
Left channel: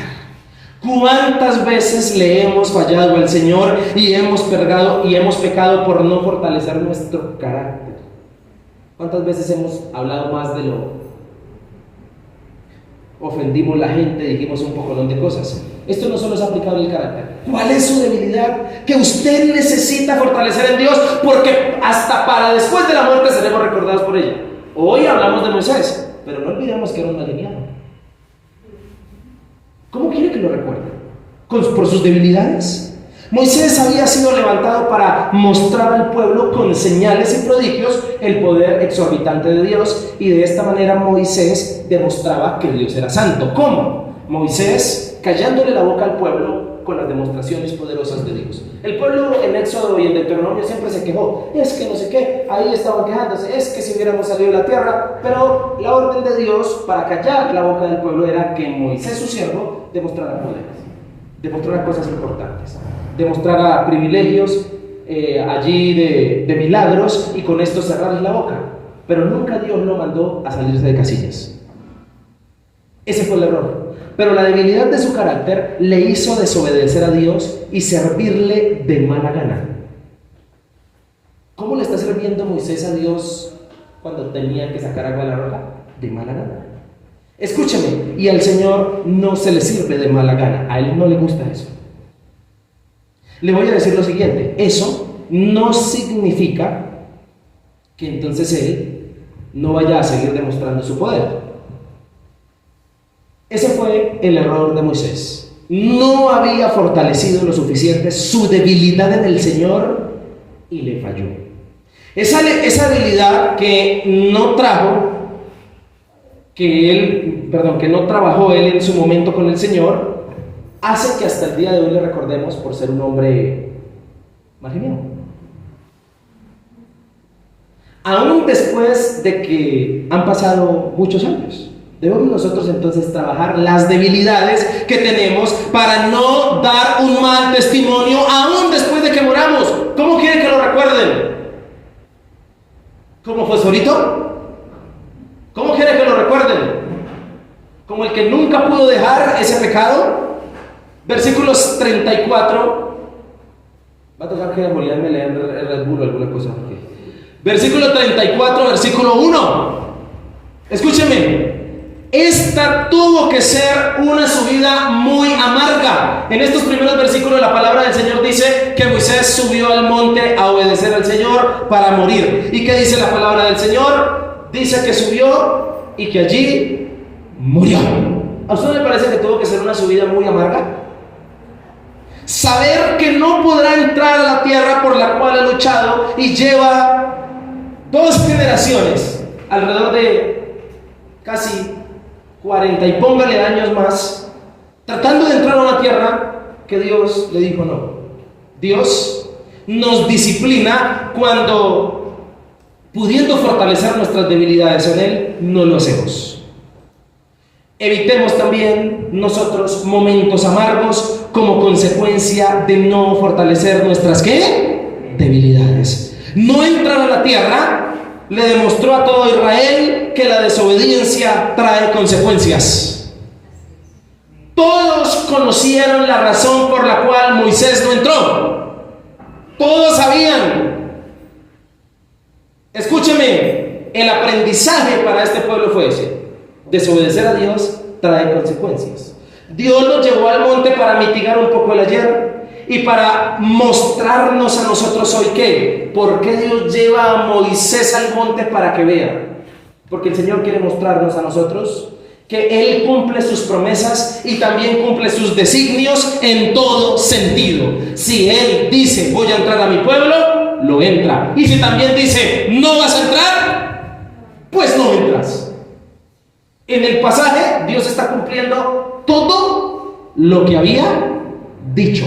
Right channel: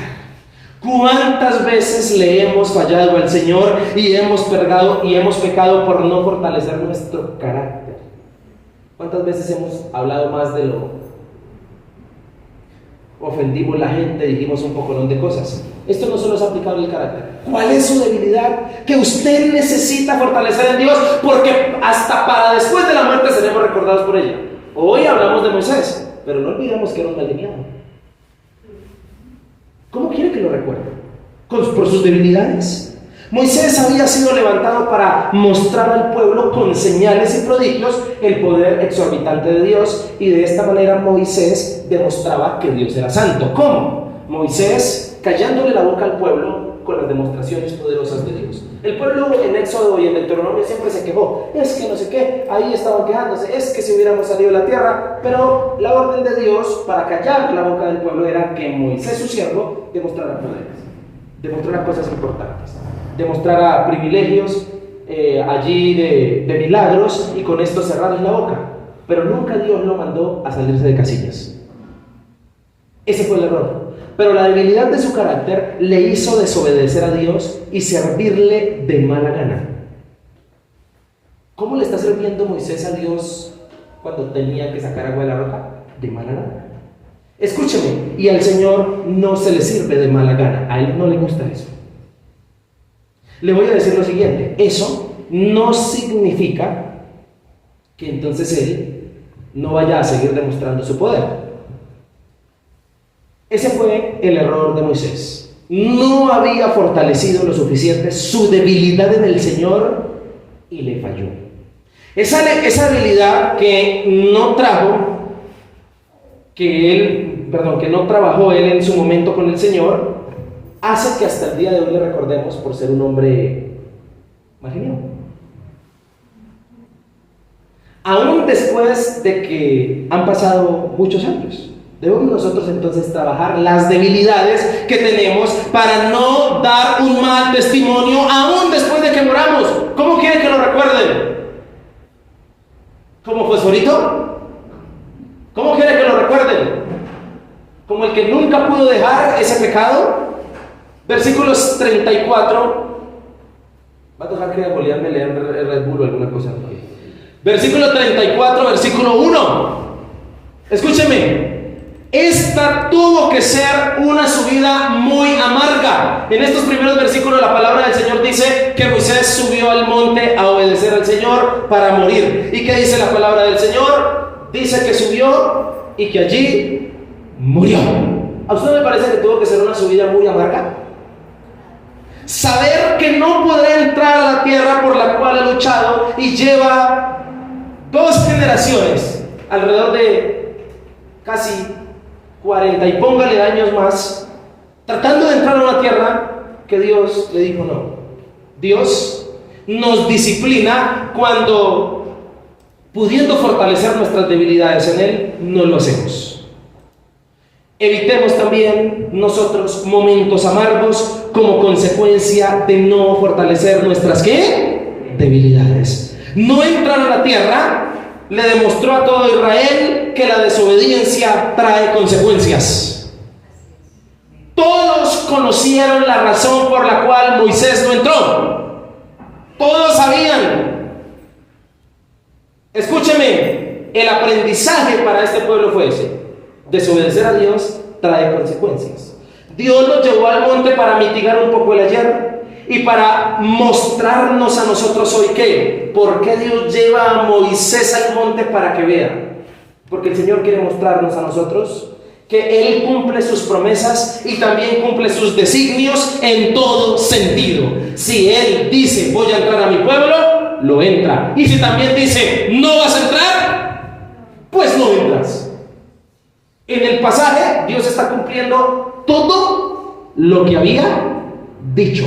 ¿Cuántas veces le hemos fallado al Señor y hemos pecado por no fortalecer nuestro carácter? ¿Cuántas veces hemos hablado más de lo ofendimos a la gente, dijimos un pocolón de cosas? Esto no solo es aplicable al carácter. ¿Cuál es su debilidad que usted necesita fortalecer en Dios? Porque hasta para después de la muerte seremos recordados por ella. Hoy hablamos de Moisés, pero no olvidemos que era un maliniano. ¿Cómo quiere que lo recuerde? ¿Por sus debilidades? Moisés había sido levantado para mostrar al pueblo con señales y prodigios el poder exorbitante de Dios, y de esta manera Moisés demostraba que Dios era santo. ¿Cómo? Moisés callándole la boca al pueblo con las demostraciones poderosas de Dios. El pueblo en Éxodo y en Deuteronomio siempre se quejó, es que no sé qué, ahí estaban quejándose, es que si hubiéramos salido de la tierra, pero la orden de Dios para callar la boca del pueblo era que Moisés, su siervo, demostrara poderes, demostrara cosas importantes, demostrara privilegios allí de milagros, y con esto cerrarles la boca. Pero nunca Dios lo mandó a salirse de casillas. Ese fue el error. Pero la debilidad de su carácter le hizo desobedecer a Dios y servirle de mala gana. ¿Cómo le está sirviendo Moisés a Dios cuando tenía que sacar agua de la roca? De mala gana. Escúcheme, y al Señor no se le sirve de mala gana. A Él no le gusta eso. Le voy a decir lo siguiente: eso no significa que entonces Él no vaya a seguir demostrando su poder. Ese fue el error de Moisés. no había fortalecido lo suficiente su debilidad en el Señor y le falló. Esa debilidad que no trabajó él en su momento con el Señor, hace que hasta el día de hoy le recordemos por ser un hombre marginal. Aún después de que han pasado muchos años, debemos nosotros entonces trabajar las debilidades que tenemos para no dar un mal testimonio aún después de que moramos. ¿Cómo quieren que lo recuerden? ¿Como fosforito? ¿Cómo quieren que lo recuerden? ¿Como el que nunca pudo dejar ese pecado? Versículos 34. Va a tocar que Julián me lea Red Bull o alguna cosa. Versículo 34, versículo 1. Escúchenme. Esta tuvo que ser una subida muy amarga. En estos primeros versículos la palabra del Señor dice que Moisés subió al monte a obedecer al Señor para morir. ¿Y qué dice la palabra del Señor? Dice que subió y que allí murió. ¿A usted le parece que tuvo que ser una subida muy amarga? Saber que no podrá entrar a la tierra por la cual ha luchado y lleva 2 generaciones, alrededor de casi 40 y póngale años más, tratando de entrar a una tierra que Dios le dijo no. Dios nos disciplina cuando, pudiendo fortalecer nuestras debilidades en Él, no lo hacemos. Evitemos también nosotros momentos amargos como consecuencia de no fortalecer nuestras ¿qué? Debilidades. No entrar a la tierra le demostró a todo Israel que la desobediencia trae consecuencias. Todos conocieron la razón por la cual Moisés no entró. Todos sabían. Escúcheme, el aprendizaje para este pueblo fue ese: desobedecer a Dios trae consecuencias. Dios los llevó al monte para mitigar un poco el ayer y para mostrarnos a nosotros hoy ¿qué? ¿Por qué Dios lleva a Moisés al monte? Para que vea. Porque el Señor quiere mostrarnos a nosotros que Él cumple sus promesas y también cumple sus designios en todo sentido. Si Él dice voy a entrar a mi pueblo, lo entra. Y si también dice no vas a entrar, pues no entras. En el pasaje Dios está cumpliendo todo lo que había dicho.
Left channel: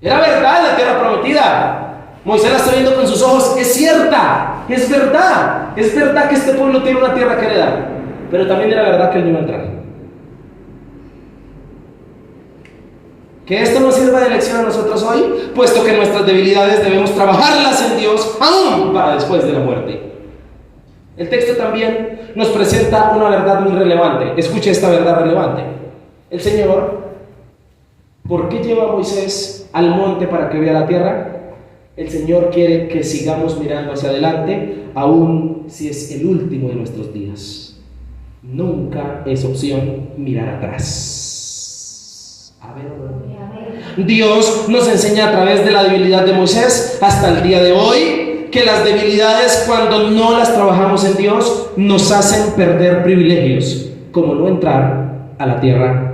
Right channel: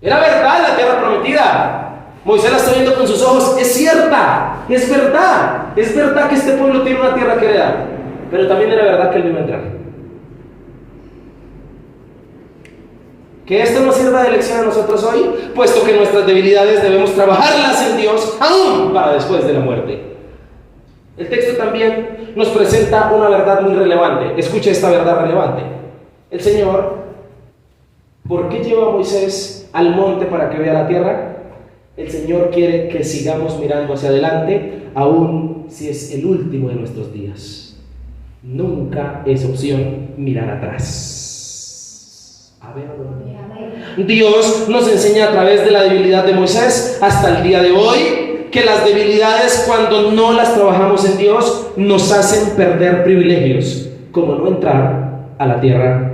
Era verdad la tierra prometida. Moisés la está viendo con sus ojos. Es cierta, es verdad. Es verdad que este pueblo tiene una tierra que heredar. Pero también era verdad que él no iba a entrar. Que esto nos sirva de lección a nosotros hoy, puesto que nuestras debilidades debemos trabajarlas en Dios aún para después de la muerte. El texto también nos presenta una verdad muy relevante. Escuche esta verdad relevante. El Señor, ¿por qué lleva a Moisés al monte para que vea la tierra? El Señor quiere que sigamos mirando hacia adelante, aun si es el último de nuestros días. Nunca es opción mirar atrás. A ver. Dios nos enseña a través de la debilidad de Moisés hasta el día de hoy que las debilidades, cuando no las trabajamos en Dios, nos hacen perder privilegios, como no entrar a la tierra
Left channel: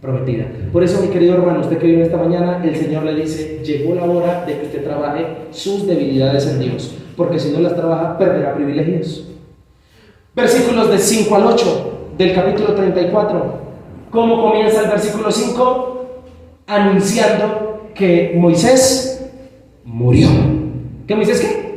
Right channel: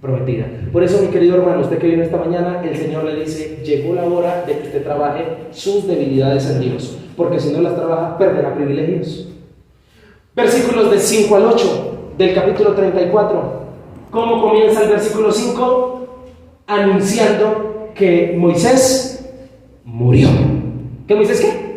prometida. Por eso, mi querido hermano, usted que viene esta mañana, el Señor le dice: llegó la hora de que usted trabaje sus debilidades en Dios, porque si no las trabaja, perderá privilegios. Versículos del 5 al 8 del capítulo 34. ¿Cómo comienza el versículo 5? Anunciando que Moisés murió. ¿Que Moisés qué?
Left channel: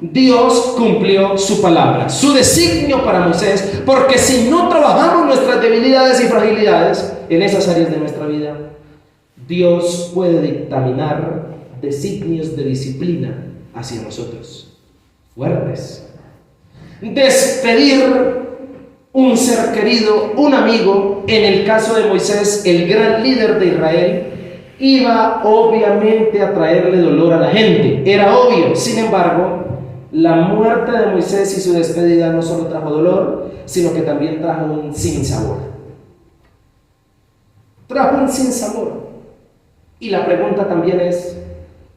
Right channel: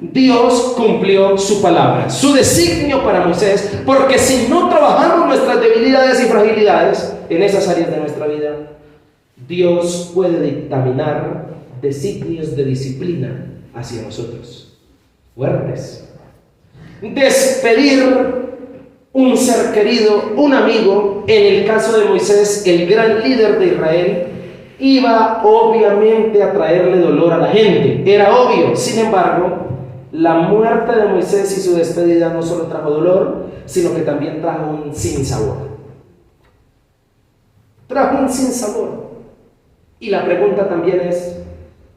Dios cumplió su palabra, su designio para Moisés, porque si no trabajamos nuestras debilidades y fragilidades en esas áreas de nuestra vida, Dios puede dictaminar designios de disciplina hacia nosotros, fuertes. Despedir un ser querido, un amigo, en el caso de Moisés, el gran líder de Israel, iba obviamente a traerle dolor a la gente, era obvio. Sin embargo, la muerte de Moisés y su despedida no solo trajo dolor, sino que también trajo un sinsabor. Trajo un sinsabor. Y la pregunta también es:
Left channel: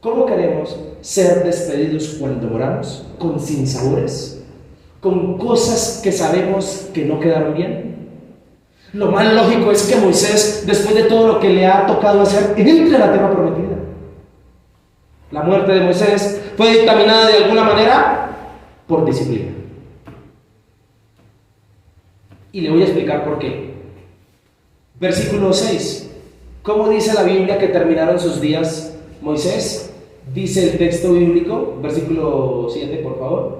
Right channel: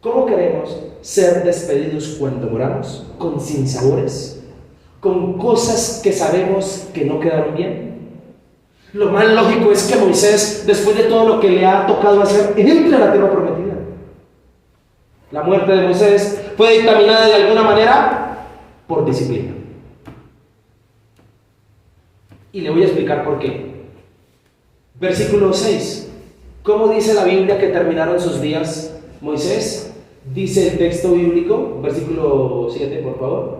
¿cómo queremos ser despedidos cuando moramos? ¿Con sinsabores? ¿Con cosas que sabemos que no quedaron bien? Lo más lógico es que Moisés, después de todo lo que le ha tocado hacer, entre a la tierra prometida. La muerte de Moisés fue dictaminada de alguna manera por disciplina. Y le voy a explicar por qué. Versículo 6. ¿Cómo dice la Biblia que terminaron sus días Moisés? Dice el texto bíblico, versículo 7, por favor.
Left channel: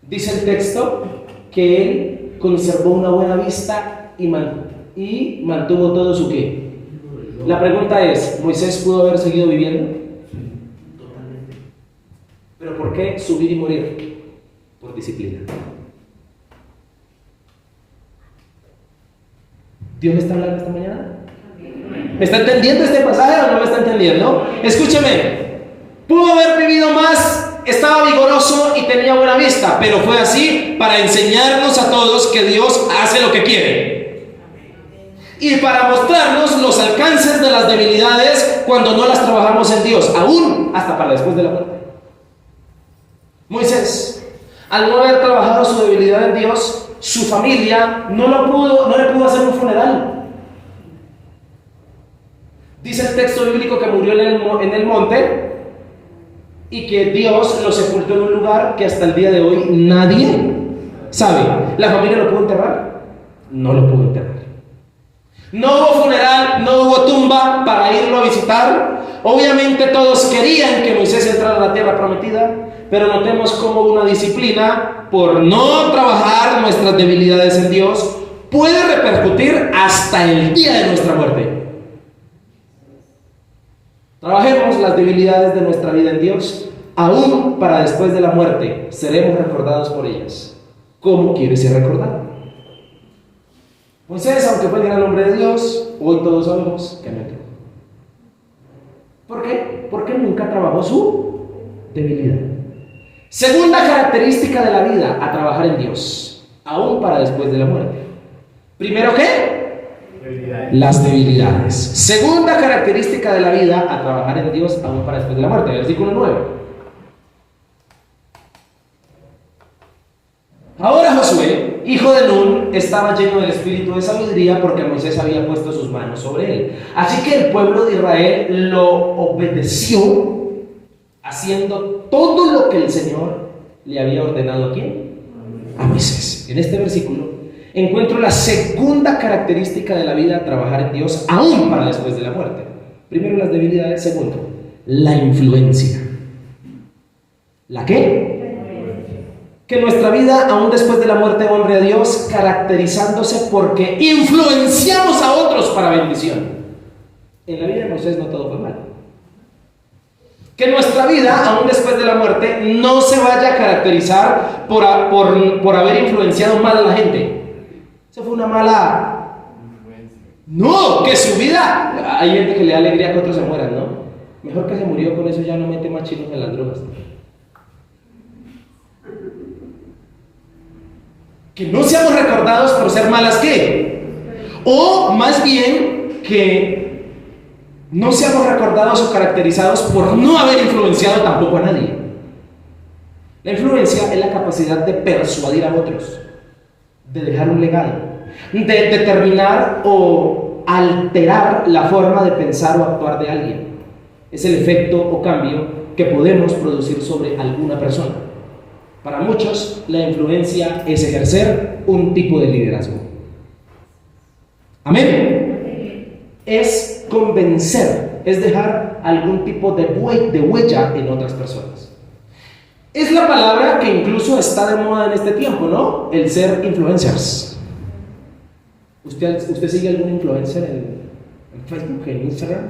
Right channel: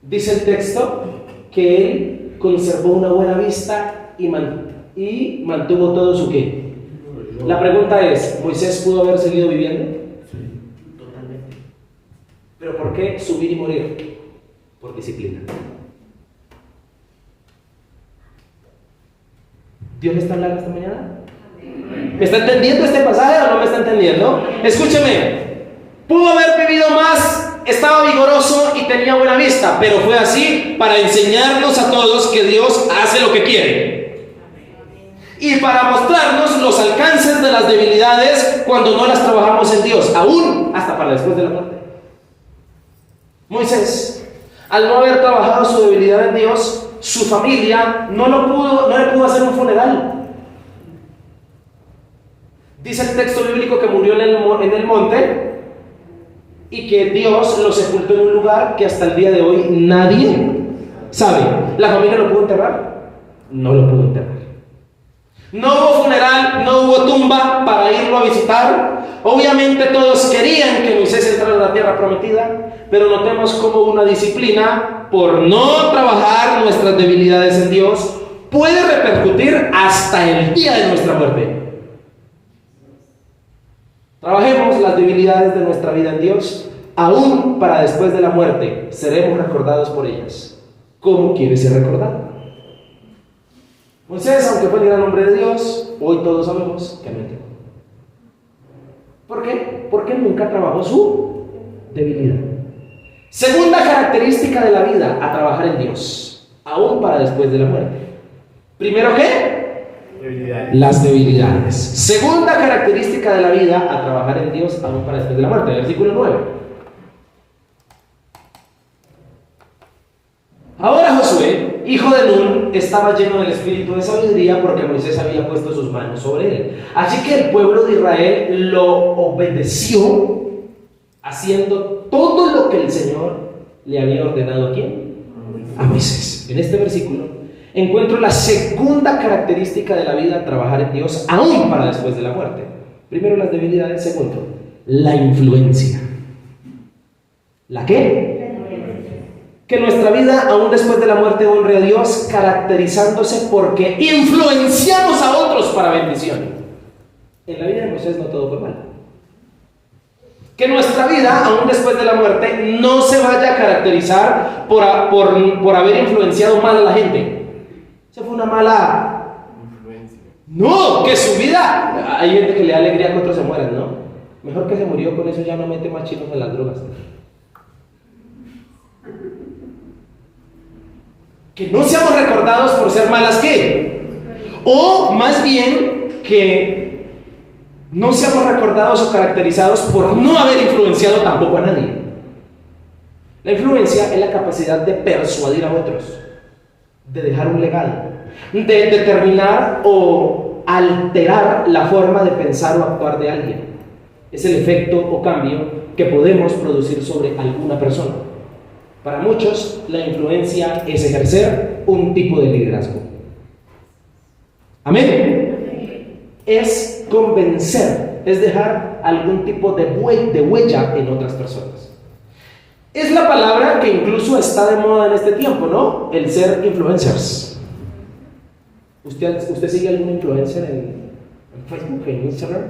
Dice el texto que él conservó una buena vista y mantuvo todo su qué. La pregunta es, ¿Moisés pudo haber seguido viviendo? Sí, totalmente. ¿Pero por qué subir y morir? Por disciplina. ¿Dios le está hablando esta mañana? ¿Me está entendiendo este pasaje o no me está entendiendo? Escúcheme, pudo haber vivido más, estaba vigoroso y tenía buena vista, pero fue así para enseñarnos a todos que Dios hace lo que quiere y para mostrarnos los alcances de las debilidades cuando no las trabajamos en Dios, aún hasta para después de la muerte. Moisés, al no haber trabajado su debilidad en Dios, su familia no le pudo hacer un funeral. Dice el texto bíblico que murió en el monte y que Dios lo sepultó en un lugar que hasta el día de hoy nadie sabe. ¿La familia lo pudo enterrar? No lo pudo enterrar. No hubo funeral, no hubo tumba para irlo a visitar. Obviamente todos querían que Moisés entrara a la tierra prometida, pero notemos cómo una disciplina por no trabajar nuestras debilidades en Dios puede repercutir hasta el día de nuestra muerte. Trabajemos las debilidades de nuestra vida en Dios, aún para después de la muerte seremos recordados por ellas. ¿Cómo quieres ser recordado? Moisés, aunque fue el gran hombre de Dios, hoy todos sabemos que mintió. ¿Por qué? Porque nunca trabajó su debilidad. Segunda característica de la vida, a trabajar en Dios, aún para después de la muerte. Primero, ¿qué? Debilidades. Las debilidades. Segunda característica de la vida, a trabajar en Dios, aún para después de la muerte. Versículo 9. Ahora Josué, hijo de Nun, estaba lleno del espíritu de sabiduría porque Moisés había puesto sus manos sobre él. Así que el pueblo de Israel lo obedeció, haciendo todo lo que el Señor le había ordenado. ¿A quién? A Moisés. En este versículo encuentro la segunda característica de la vida, trabajar en Dios, aún para después de la muerte. Primero, las debilidades. Segundo, la influencia. ¿La qué? Que nuestra vida, aún después de la muerte, honre a Dios, caracterizándose porque influenciamos a otros para bendición. En la vida de Moisés no todo fue mal. Que nuestra vida, aún después de la muerte, no se vaya a caracterizar por haber influenciado mal a la gente. Eso fue una mala Influencia. No, que su vida, hay gente que le da alegría que otros se mueran, ¿no? Mejor que se murió, con eso ya no mete más chinos en las drogas. Que no seamos recordados por ser malas ¿qué? O más bien que no seamos recordados o caracterizados por no haber influenciado tampoco a nadie. La influencia es la capacidad de persuadir a otros, de dejar un legado, de determinar o alterar la forma de pensar o actuar de alguien. Es el efecto o cambio que podemos producir sobre alguna persona. Para muchos, la influencia es ejercer un tipo de liderazgo. Amén. Es convencer, es dejar algún tipo de huella en otras personas. Es la palabra que incluso está de moda en este tiempo, ¿no? El ser influencers. ¿Usted sigue algún influencer en Facebook, en Instagram,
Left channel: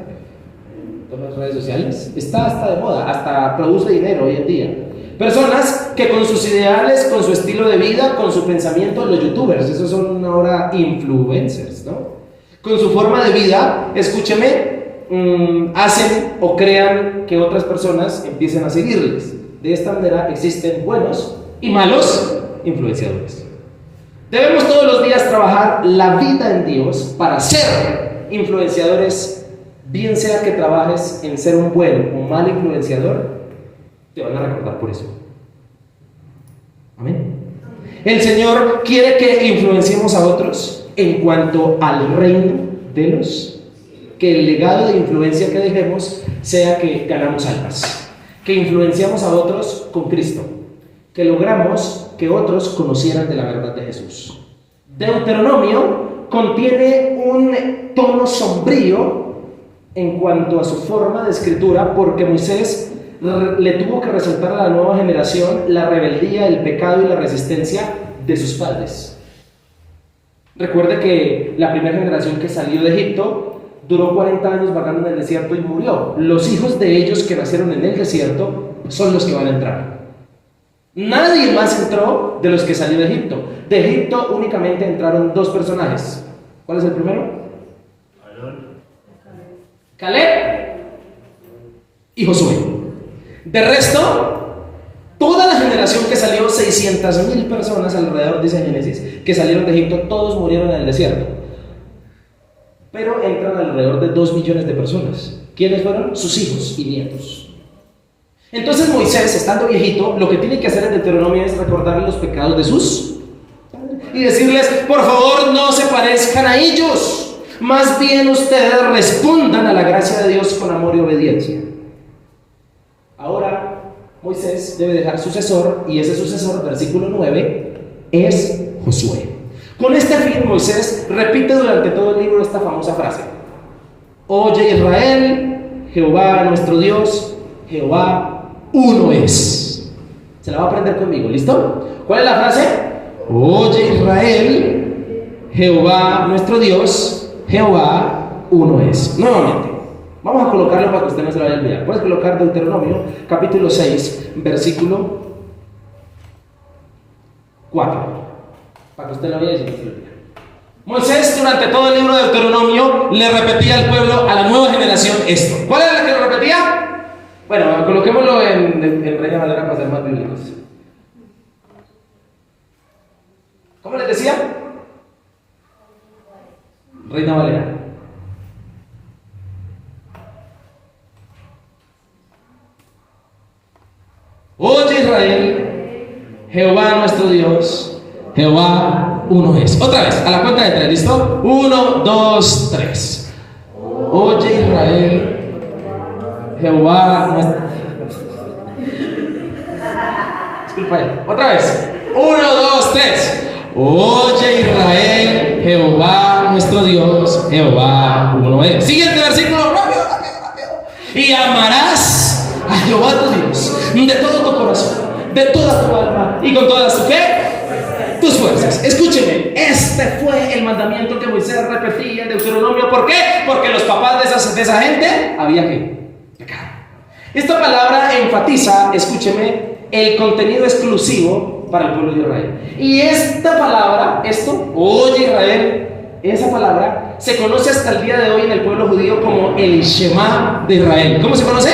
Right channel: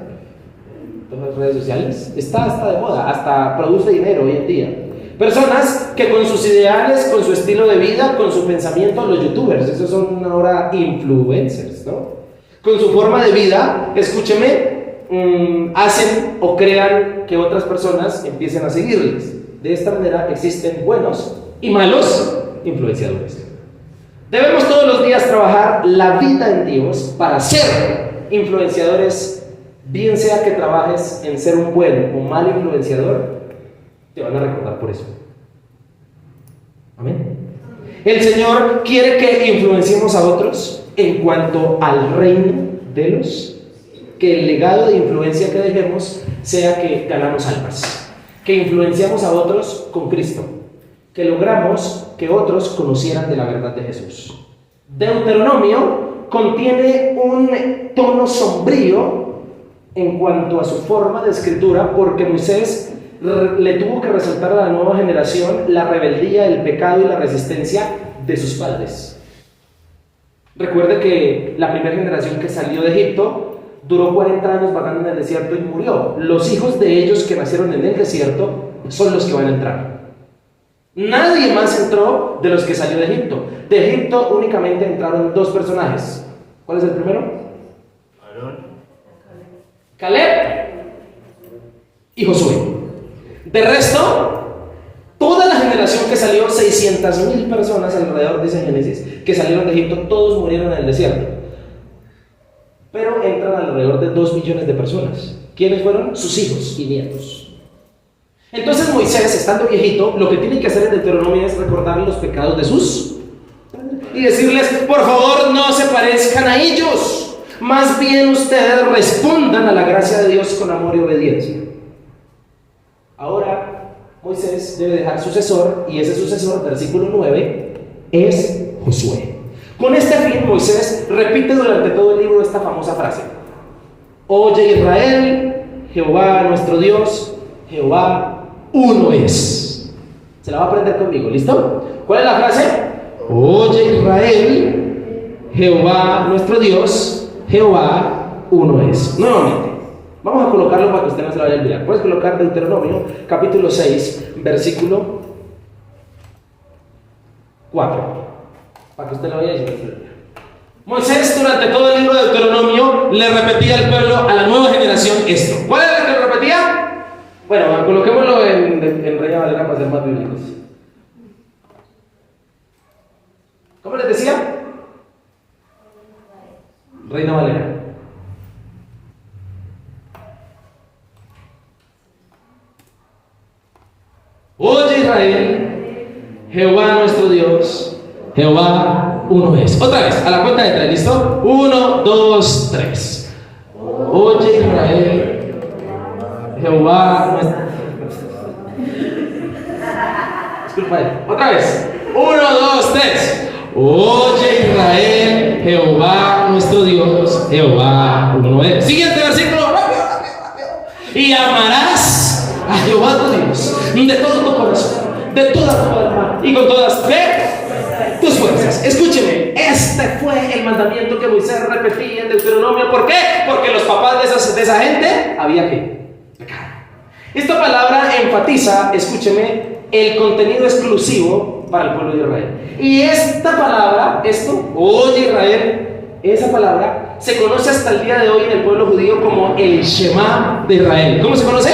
en todas las redes sociales? Está de moda, hasta produce dinero hoy en día. Personas que con sus ideales, con su estilo de vida, con su pensamiento, los youtubers, esos son ahora influencers, ¿no? Con su forma de vida, escúcheme, hacen o crean que otras personas empiecen a seguirles. De esta manera existen buenos y malos influenciadores. Debemos todos los días trabajar la vida en Dios para ser influenciadores, bien sea que trabajes en ser un buen o mal influenciador, te van a recordar por eso. Amén. El Señor quiere que influenciemos a otros en cuanto al reino de los, que el legado de influencia que dejemos sea que ganamos almas, que influenciamos a otros con Cristo, que logramos que otros conocieran de la verdad de Jesús. Deuteronomio contiene un tono sombrío en cuanto a su forma de escritura, porque Moisés le tuvo que resaltar a la nueva generación la rebeldía, el pecado y la resistencia de sus padres. Recuerde que la primera generación que salió de Egipto duró 40 años vagando en el desierto y murió. Los hijos de ellos que nacieron en el desierto son los que van a entrar. Nadie más entró de los que salió de Egipto. De Egipto únicamente entraron 2 personajes. ¿Cuál es el primero? Caleb y Josué. De resto, toda la generación que salió, 600,000 personas alrededor, dice Génesis, que salieron de Egipto, todos murieron en el desierto. Pero entran alrededor de 2 millones de personas. ¿Quiénes fueron? Sus hijos y nietos. Entonces Moisés, estando viejito, lo que tiene que hacer en Deuteronomio es recordarle los pecados de sus y decirles: por favor, no se parezcan a ellos, más bien ustedes respondan a la gracia de Dios con amor y obediencia. Ahora Moisés debe dejar sucesor, y ese sucesor, versículo 9, es Josué. Con este fin, Moisés repite durante todo el libro esta famosa frase: oye Israel, Jehová nuestro Dios, Jehová uno es. Se la va a aprender conmigo, ¿listo? ¿Cuál es la frase? Oye Israel, Jehová nuestro Dios, Jehová uno es. Nuevamente, vamos a colocarlo para que usted no se lo vaya a olvidar. Puedes colocar Deuteronomio, capítulo 6, versículo 4, para que usted lo vaya a decir. Moisés, durante todo el libro de Deuteronomio, le repetía al pueblo, a la nueva generación, esto. ¿Cuál era la que lo repetía? Bueno, coloquémoslo en Reina Valera para ser más bíblicos. ¿Cómo les decía? Reina Valera. Oye Israel, Jehová nuestro Dios, Jehová uno es. Otra vez, a la cuenta de 3, ¿listo? 1, 2, 3. Oye Israel, Jehová nuestro... Disculpa, otra vez. 1, 2, 3. Oye Israel, Jehová nuestro Dios, Jehová uno es. Siguiente versículo, rápido. Y amarás a Jehová tu Dios de todo tu corazón, de toda tu alma y con toda su fe, tus fuerzas. Escúcheme, este fue el mandamiento que Moisés repetía en Deuteronomio. ¿Por qué? Porque los papás de esa gente había que pecado. Esta palabra enfatiza, escúcheme, el contenido exclusivo para el pueblo de Israel. Y esta palabra, oye Israel, esa palabra se conoce hasta el día de hoy en el pueblo judío como el Shema de Israel. ¿Cómo se conoce?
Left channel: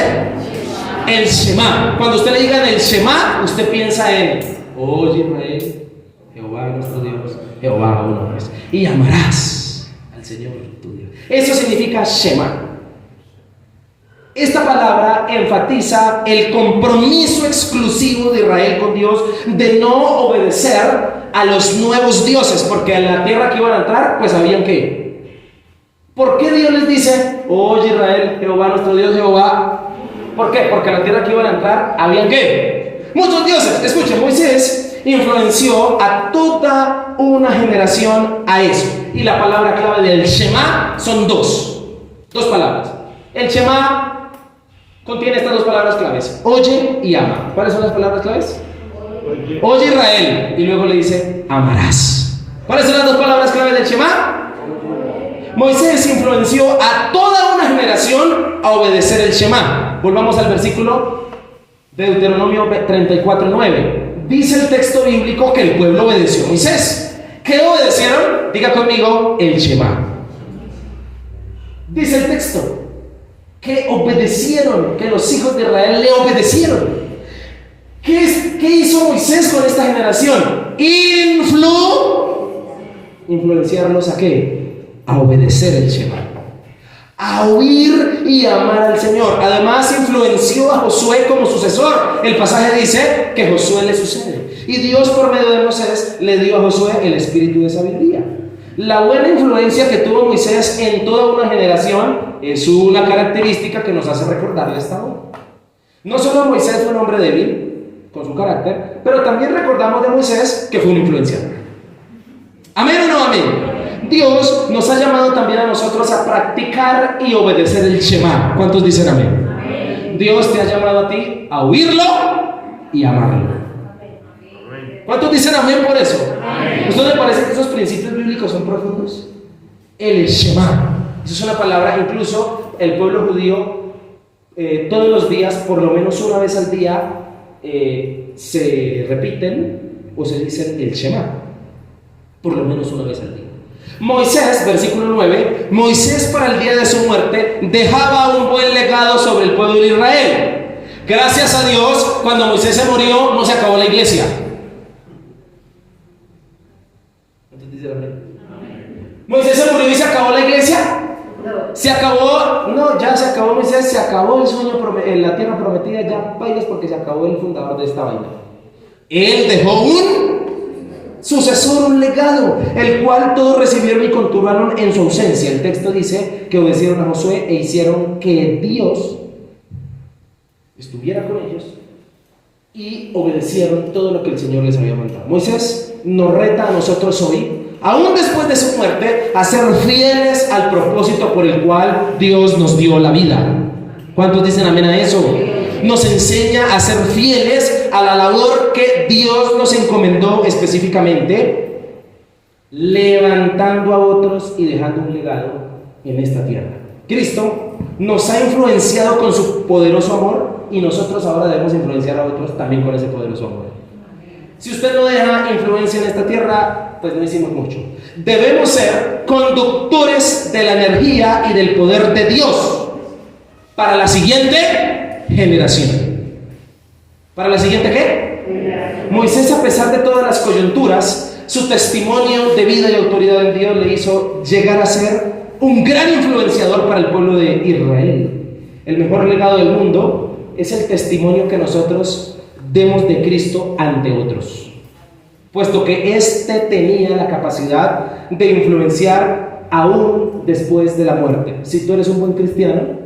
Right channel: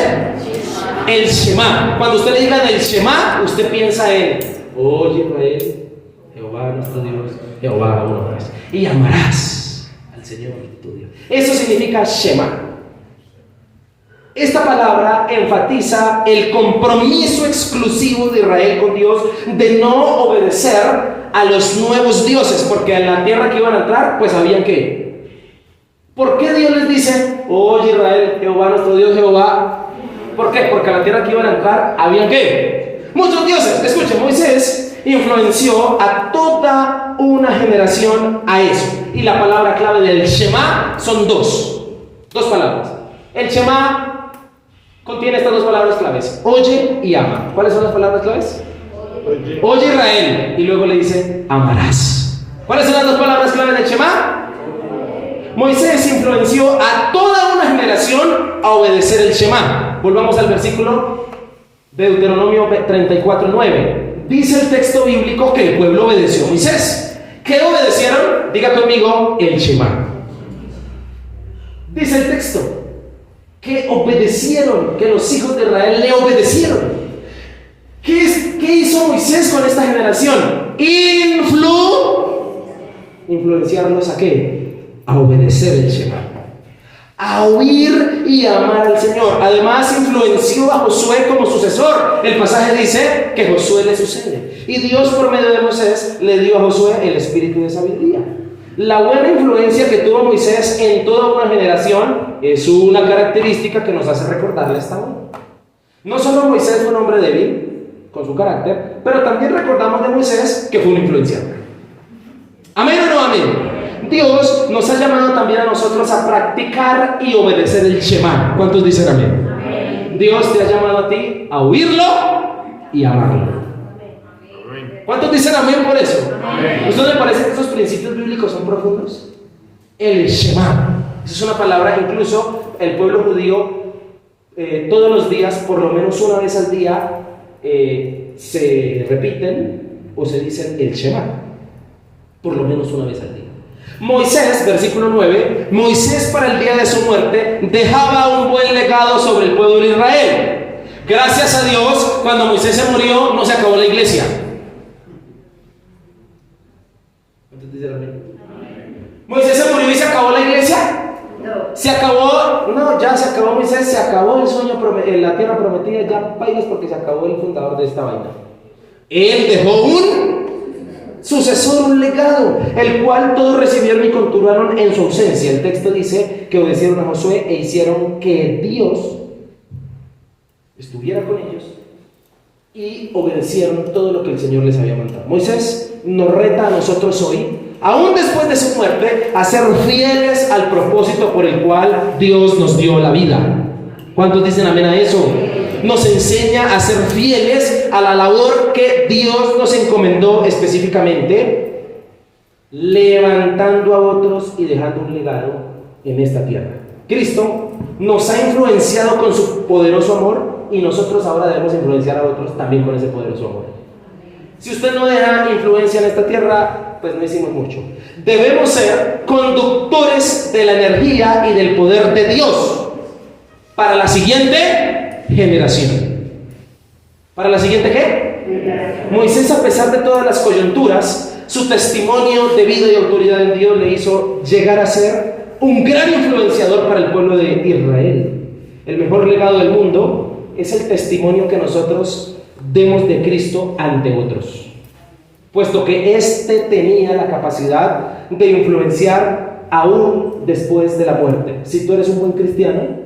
El Shema. Cuando usted le diga el Shema, usted piensa en oye Israel, Jehová nuestro Dios, Jehová uno es. Y amarás al Señor tu Dios. Eso significa Shema. Esta palabra enfatiza el compromiso exclusivo de Israel con Dios de no obedecer a los nuevos dioses, porque en la tierra que iban a entrar, pues sabían que. ¿Por qué Dios les dice, oye Israel, Jehová nuestro Dios, Jehová? ¿Por qué? Porque en la tierra que iban a entrar, ¿habían qué? Muchos dioses. Escuchen, Moisés influenció a toda una generación a eso. Y la palabra clave del Shema son dos palabras. El Shema contiene estas 2 palabras claves: oye y ama. ¿Cuáles son las palabras claves? Oye Israel, y luego le dice amarás. ¿Cuáles son las 2 palabras claves del Shema? Moisés influenció a toda una generación a obedecer el Shema. Volvamos al versículo de Deuteronomio 34:9. Dice el texto bíblico que el pueblo obedeció a Moisés. ¿Qué obedecieron? Diga conmigo, el Shema. Dice el texto que obedecieron, que los hijos de Israel le obedecieron. ¿Qué hizo Moisés con esta generación? Influenciarlos a qué? A obedecer el Shema, a oír y amar al Señor. Además, influenció a Josué como sucesor. El pasaje dice que Josué le sucede. Y Dios, por medio de Moisés, le dio a Josué el espíritu de sabiduría. La buena influencia que tuvo Moisés en toda una generación es una característica que nos hace recordarle esta hora. No solo Moisés fue un hombre débil, con su carácter, pero también recordamos de Moisés que fue un influenciador. ¿Amén o no amén? Dios nos ha llamado también a nosotros a practicar y obedecer el Shema. ¿Cuántos dicen amén? Amén. Dios te ha llamado a ti a oírlo y amarlo. ¿Cuántos dicen amén por eso? Amén. ¿A ustedes les parece que esos principios bíblicos son profundos? El Shema. Esa es una palabra, incluso el pueblo judío todos los días, por lo menos una vez al día, se repiten o se dicen el Shema. Por lo menos una vez al día. Moisés, versículo 9, Moisés para el día de su muerte dejaba un buen legado sobre el pueblo de Israel. Gracias a Dios, cuando Moisés se murió, no se acabó la iglesia. ¿Moisés se murió y se acabó la iglesia? No. Se acabó, no, ya se acabó Moisés, se acabó el sueño en la tierra prometida, ya vayas porque se acabó el fundador de esta vaina. Él dejó un sucesor, un legado, el cual todos recibieron y continuaron en su ausencia. El texto dice que obedecieron a Josué e hicieron que Dios estuviera con ellos y obedecieron todo lo que el Señor les había mandado. Moisés nos reta a nosotros hoy, aún después de su muerte, a ser fieles al propósito por el cual Dios nos dio la vida. ¿Cuántos dicen amén a eso? Nos enseña a ser fieles a la labor que Dios nos encomendó específicamente, levantando a otros y dejando un legado en esta tierra. Cristo nos ha influenciado con su poderoso amor y nosotros ahora debemos influenciar a otros también con ese poderoso amor. Si usted no deja influencia en esta tierra, pues no hicimos mucho. Debemos ser conductores de la energía y del poder de Dios para la siguiente generación. ¿Para la siguiente qué? Moisés, a pesar de todas las coyunturas, su testimonio de vida y autoridad en Dios le hizo llegar a ser un gran influenciador para el pueblo de Israel. El mejor legado del mundo es el testimonio que nosotros demos de Cristo ante otros, puesto que éste tenía la capacidad de influenciar aún después de la muerte. Si tú eres un buen cristiano,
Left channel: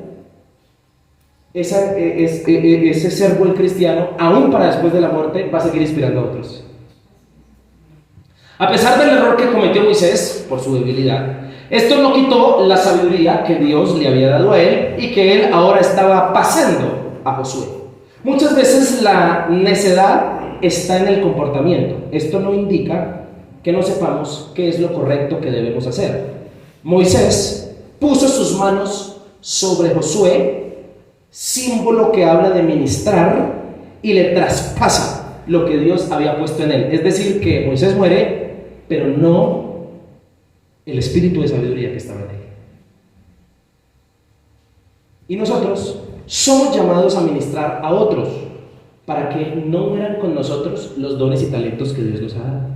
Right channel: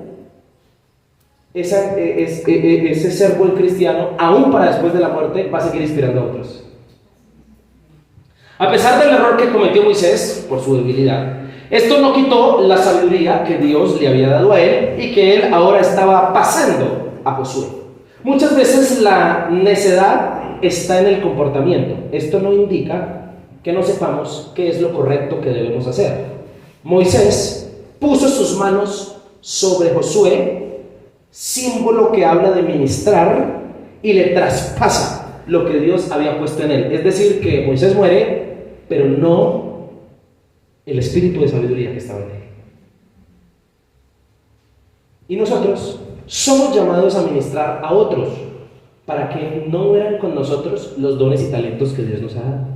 ese ser buen cristiano, aún para después de la muerte, va a seguir inspirando a otros. A pesar del error que cometió Moisés por su debilidad, esto no quitó la sabiduría que Dios le había dado a él y que él ahora estaba pasando a Josué. Muchas veces la necedad está en el comportamiento. Esto no indica que no sepamos qué es lo correcto que debemos hacer. Moisés puso sus manos sobre Josué, símbolo que habla de ministrar, y le traspasa lo que Dios había puesto en él. Es decir, que Moisés muere, pero no el espíritu de sabiduría que estaba en él. Y nosotros somos llamados a ministrar a otros para que no mueran con nosotros los dones y talentos que Dios nos ha dado.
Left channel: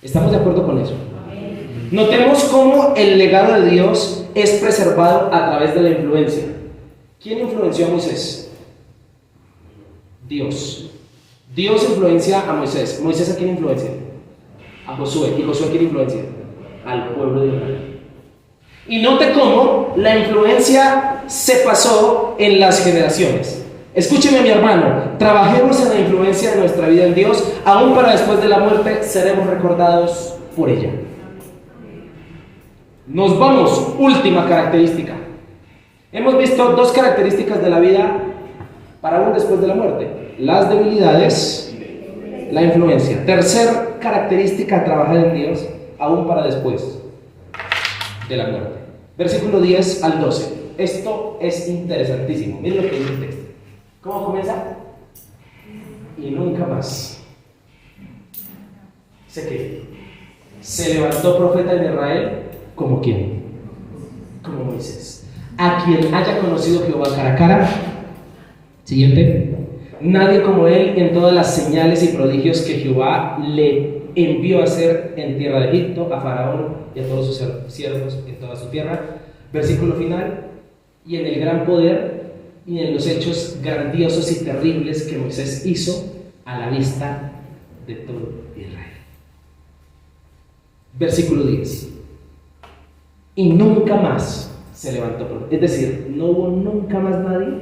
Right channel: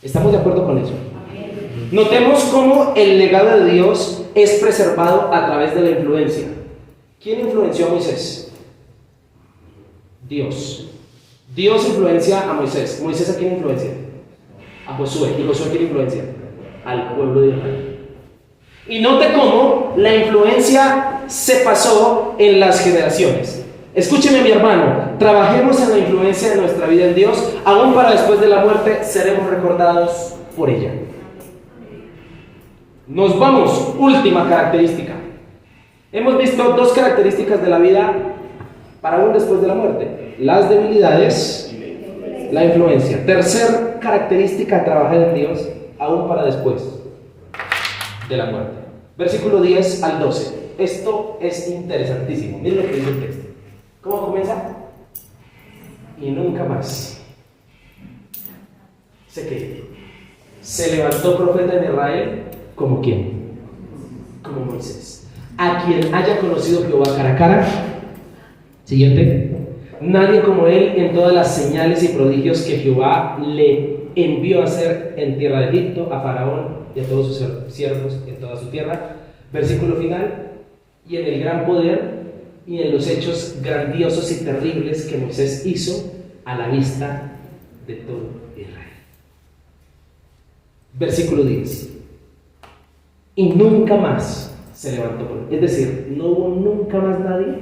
¿Estamos de acuerdo con eso? Amén. Notemos cómo el legado de Dios es preservado a través de la influencia. ¿Quién influenció a Moisés? Dios. Dios influencia a Moisés. ¿Moisés a quién influencia? A Josué. ¿Y Josué a quién influencia? Al pueblo de Israel. Y note cómo la influencia se pasó en las generaciones. Escúcheme, mi hermano, trabajemos en la influencia de nuestra vida en Dios, aún para después de la muerte seremos recordados por ella. Nos vamos, última característica. Hemos visto dos características de la vida para aún después de la muerte: las debilidades, la influencia. Tercer característica a trabajar en Dios, aún para después de la muerte. Versículo 10 al 12. Esto es interesantísimo. Miren lo que dice el texto. ¿Cómo comienza? Y nunca más. Sé que se levantó profeta en Israel, ¿como quién? Como Moisés, a quien haya conocido Jehová cara a cara. Siguiente. Nadie como él en todas las señales y prodigios que Jehová le envió a hacer en tierra de Egipto, a Faraón y a todos sus siervos en toda su tierra, Versículo final: y en el gran poder y en los hechos grandiosos y terribles que Moisés hizo a la vista de todo Israel. Versículo 10: y nunca más se levantó por él. Es decir, no hubo nunca más nadie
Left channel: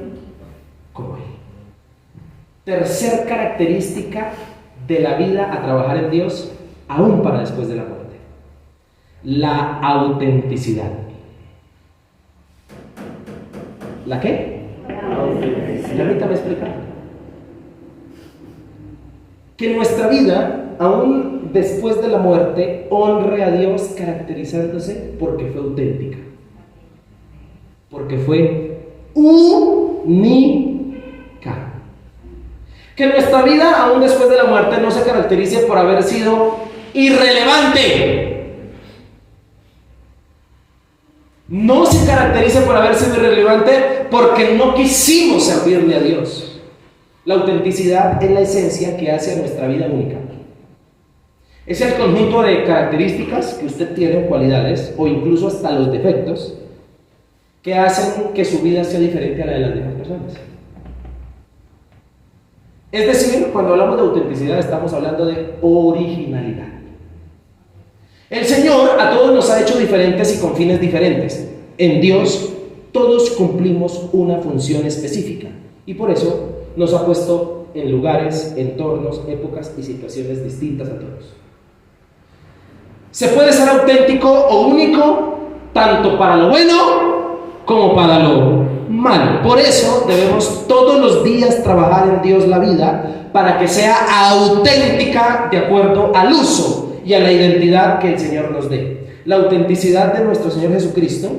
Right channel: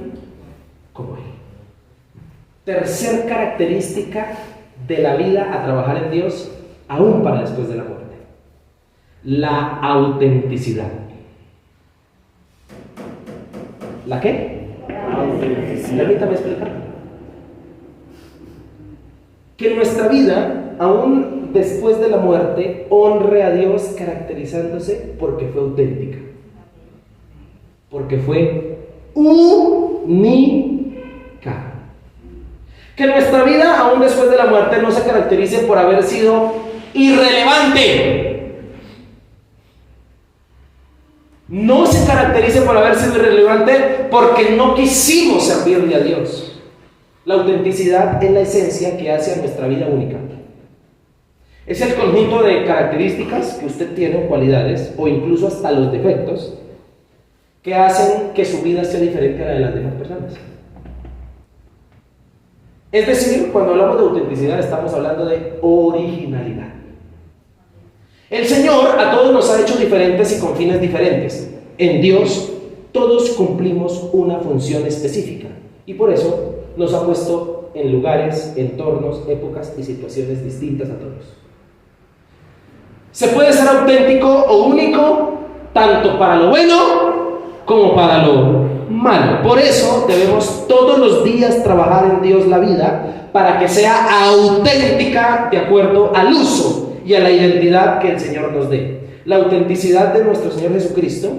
como él. Tercer característica de la vida a trabajar en Dios, aún para después de la muerte: la autenticidad. ¿La qué? Permítame explicar. Que nuestra vida, aún después de la muerte, honre a Dios caracterizándose porque fue auténtica, porque fue única. Que nuestra vida, aún después de la muerte, no se caracterice por haber sido irrelevante. No se caracterice por haber sido irrelevante porque no quisimos servirle a Dios. La autenticidad es la esencia que hace a nuestra vida única. Es el conjunto de características que usted tiene, cualidades o incluso hasta los defectos, que hacen que su vida sea diferente a la de las demás personas. Es decir, cuando hablamos de autenticidad estamos hablando de originalidad. El Señor a todos nos ha hecho diferentes y con fines diferentes. En Dios todos cumplimos una función específica y por eso nos ha puesto en lugares, entornos, épocas y situaciones distintas a todos. Se puede ser auténtico o único tanto para lo bueno como para lo malo. Por eso debemos todos los días trabajar en Dios la vida para que sea auténtica de acuerdo al uso y a la identidad que el Señor nos dé. La autenticidad de nuestro Señor Jesucristo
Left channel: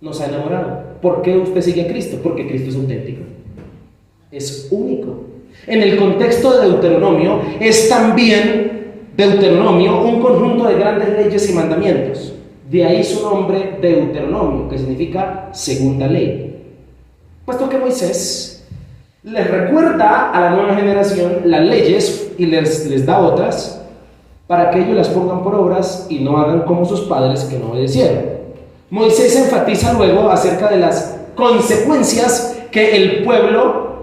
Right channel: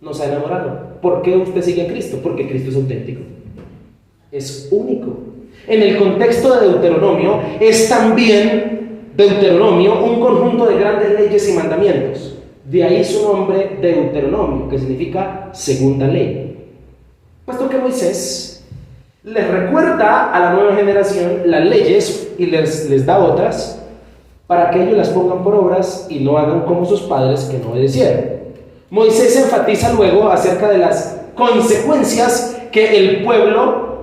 nos ha enamorado. ¿Por qué usted sigue a Cristo? Porque Cristo es auténtico, es único. En el contexto de Deuteronomio es también Deuteronomio un conjunto de grandes leyes y mandamientos. De ahí su nombre Deuteronomio, que significa segunda ley. Puesto que Moisés les recuerda a la nueva generación las leyes y les da otras para que ellos las pongan por obras y no hagan como sus padres que no obedecieron. Moisés enfatiza luego acerca de las consecuencias que el pueblo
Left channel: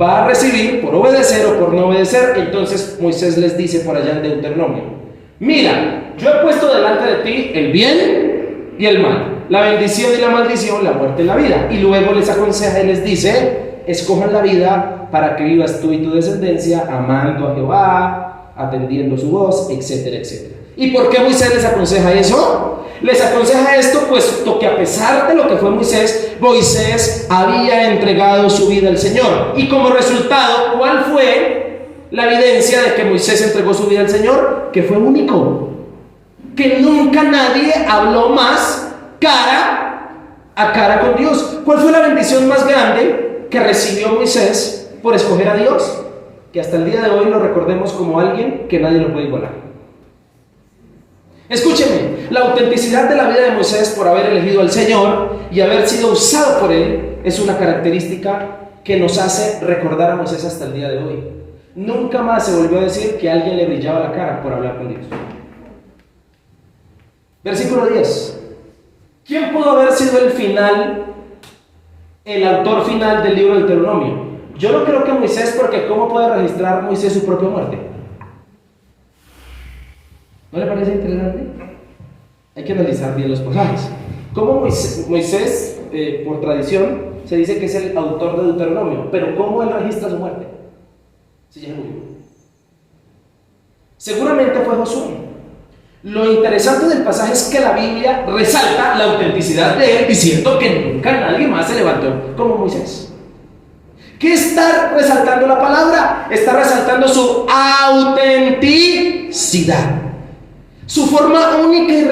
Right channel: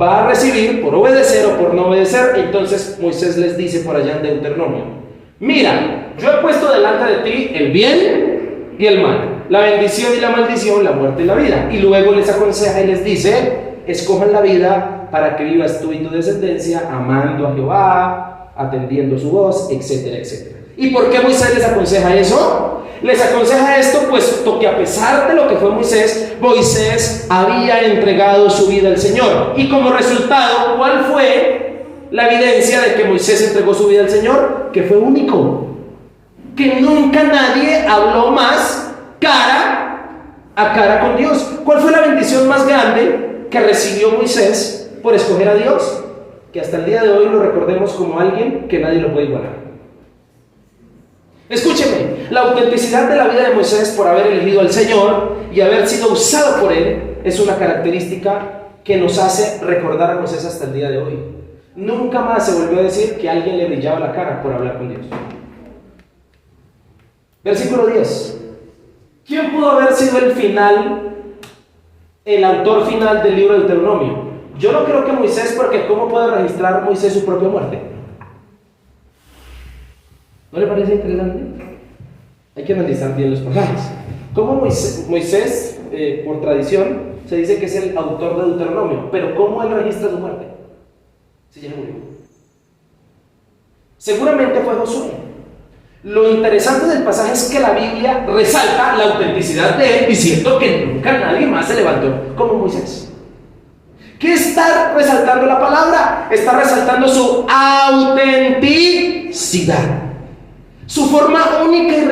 va a recibir por obedecer o por no obedecer. Entonces Moisés les dice por allá en Deuteronomio: mira, yo he puesto delante de ti el bien y el mal, la bendición y la maldición, la muerte y la vida. Y luego les aconseja y les dice: escojan la vida para que vivas tú y tu descendencia amando a Jehová, atendiendo su voz, etcétera, etcétera. ¿Y por qué Moisés les aconseja eso? Les aconseja esto puesto que a pesar de lo que fue Moisés, Moisés había entregado su vida al Señor. Y como resultado, ¿cuál fue la evidencia de que Moisés entregó su vida al Señor? Que fue único, que nunca nadie habló más cara a cara con Dios. ¿Cuál fue la bendición más grande que recibió Moisés por escoger a Dios? Que hasta el día de hoy lo recordemos como alguien que nadie lo puede igualar. Escúcheme, la autenticidad de la vida de Moisés por haber elegido al Señor y haber sido usado por Él es una característica que nos hace recordar a Moisés hasta el día de hoy. Nunca más se volvió a decir que a alguien le brillaba la cara por hablar con Dios. Versículo 10. ¿Quién pudo haber sido el autor final del libro de Deuteronomio? Yo no creo que Moisés, porque ¿cómo puede registrar Moisés su propia muerte? ¿No le parece interesante? Hay que analizar bien los pasajes. ¿Cómo Moisés, por tradición, se dice que es el autor de Deuteronomio? Pero ¿cómo él registra su muerte? Si ya murió. Seguramente fue Josué. Lo interesante del pasaje es que la Biblia resalta la autenticidad de él, diciendo que nunca nadie más se levantó como Moisés. ¿Qué está resaltando la palabra? Está resaltando su autenticidad, su forma única y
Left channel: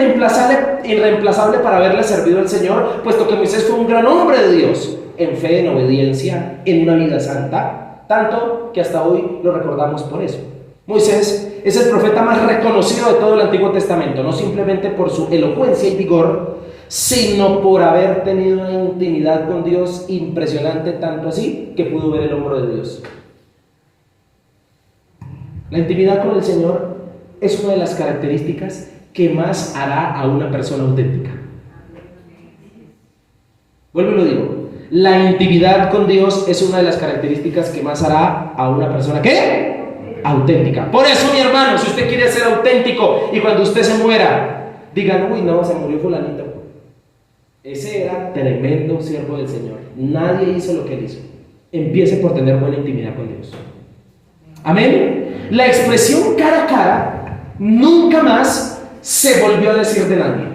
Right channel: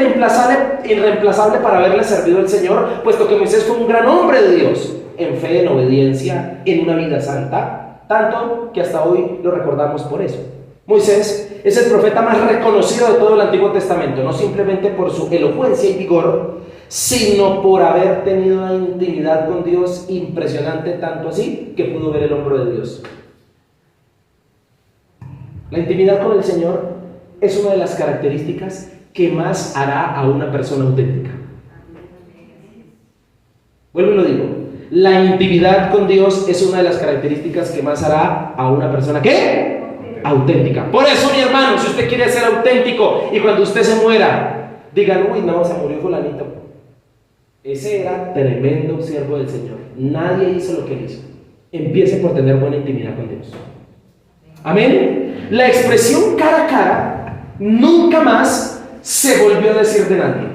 irreemplazable para haberle servido al Señor, puesto que Moisés fue un gran hombre de Dios, en fe, en obediencia, en una vida santa, tanto que hasta hoy lo recordamos por eso. Moisés es el profeta más reconocido de todo el Antiguo Testamento, no simplemente por su elocuencia y vigor, sino por haber tenido una intimidad con Dios impresionante, tanto así que pudo ver el hombro de Dios. La intimidad con el Señor es una de las características que más hará a una persona auténtica. Vuelvo y lo digo. La intimidad con Dios es una de las características que más hará a una persona, ¿qué? Auténtica. Por eso, mi hermano, si usted quiere ser auténtico y cuando usted se muera, digan, uy, no, se murió fulanito. Ese era tremendo siervo del Señor. Nadie hizo lo que él hizo. Empiece por tener buena intimidad con Dios. Amén. La expresión cara a cara nunca más se volvió a decir de nadie.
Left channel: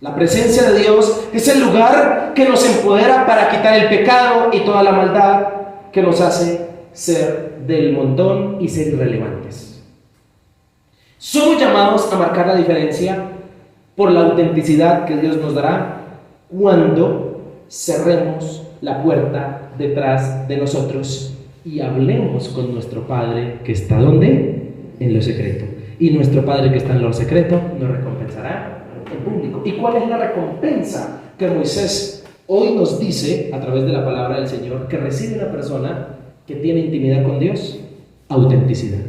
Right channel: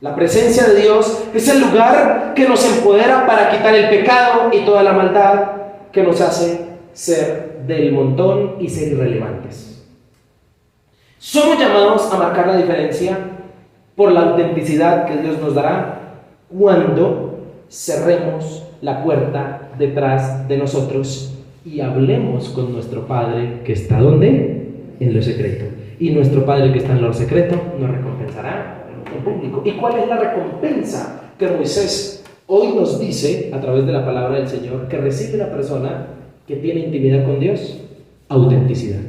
La presencia de Dios es el lugar que nos empodera para quitar el pecado y toda la maldad que nos hace ser del montón y ser irrelevantes. Somos llamados a marcar la diferencia por la autenticidad que Dios nos dará cuando cerremos la puerta detrás de nosotros y hablemos con nuestro Padre que está ¿dónde? En lo secreto. Y nuestro Padre que está en lo secreto nos recompensará en público. ¿Y cuál es la recompensa que Moisés hoy nos dice a través de la palabra del Señor que recibe una persona que tiene intimidad con Dios? Autenticidad.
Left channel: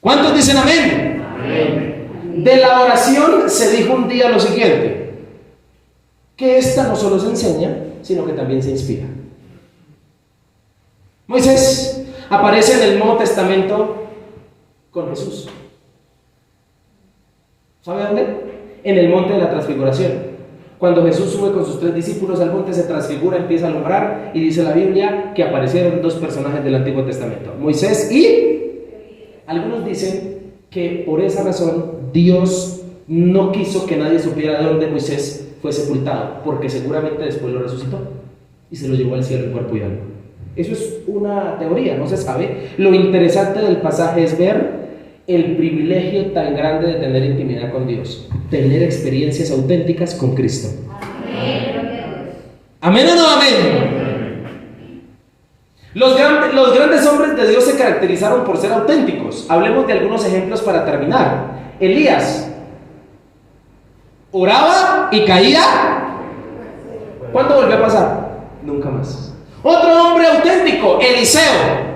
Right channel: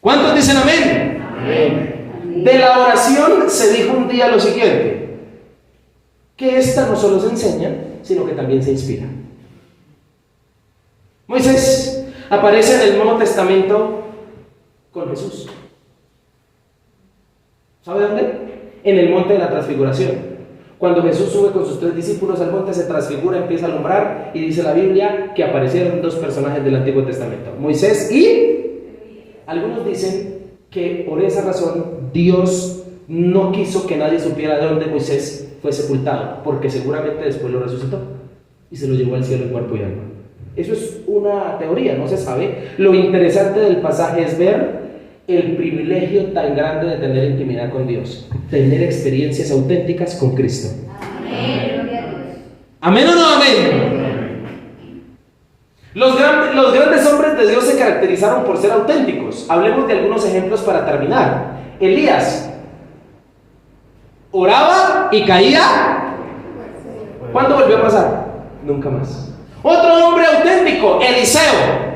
¿Cuántos dicen amén? Amén. De la oración se dijo un día lo siguiente, que esta no solo se enseña, sino que también se inspira. Moisés aparece en el Nuevo Testamento con Jesús. ¿Sabe dónde? En el monte de la transfiguración. Cuando Jesús sube con sus 3 discípulos al monte, se transfigura, empieza a alumbrar y dice la Biblia que aparecieron 2 personajes del Antiguo Testamento, Moisés y... Algunos dicen que por esa razón Dios no quiso que nadie supiera de dónde Moisés fue sepultado, porque seguramente después lo resucitó y se lo llevó al cielo en cuerpo y alma. Eso es una teoría, no se sabe. Lo interesante del pasaje es ver el privilegio tan grande de tener intimidad con Dios, tener experiencias auténticas con Cristo. Amén. ¿Amén o no amén? Los grandes hombres de Dios se caracterizaron por ser auténticos. Hablemos de algunos ejemplos para terminar. Elías oraba y caía. ¿Cuándo volvió a pasar? Nunca más. Otro hombre auténtico, Eliseo,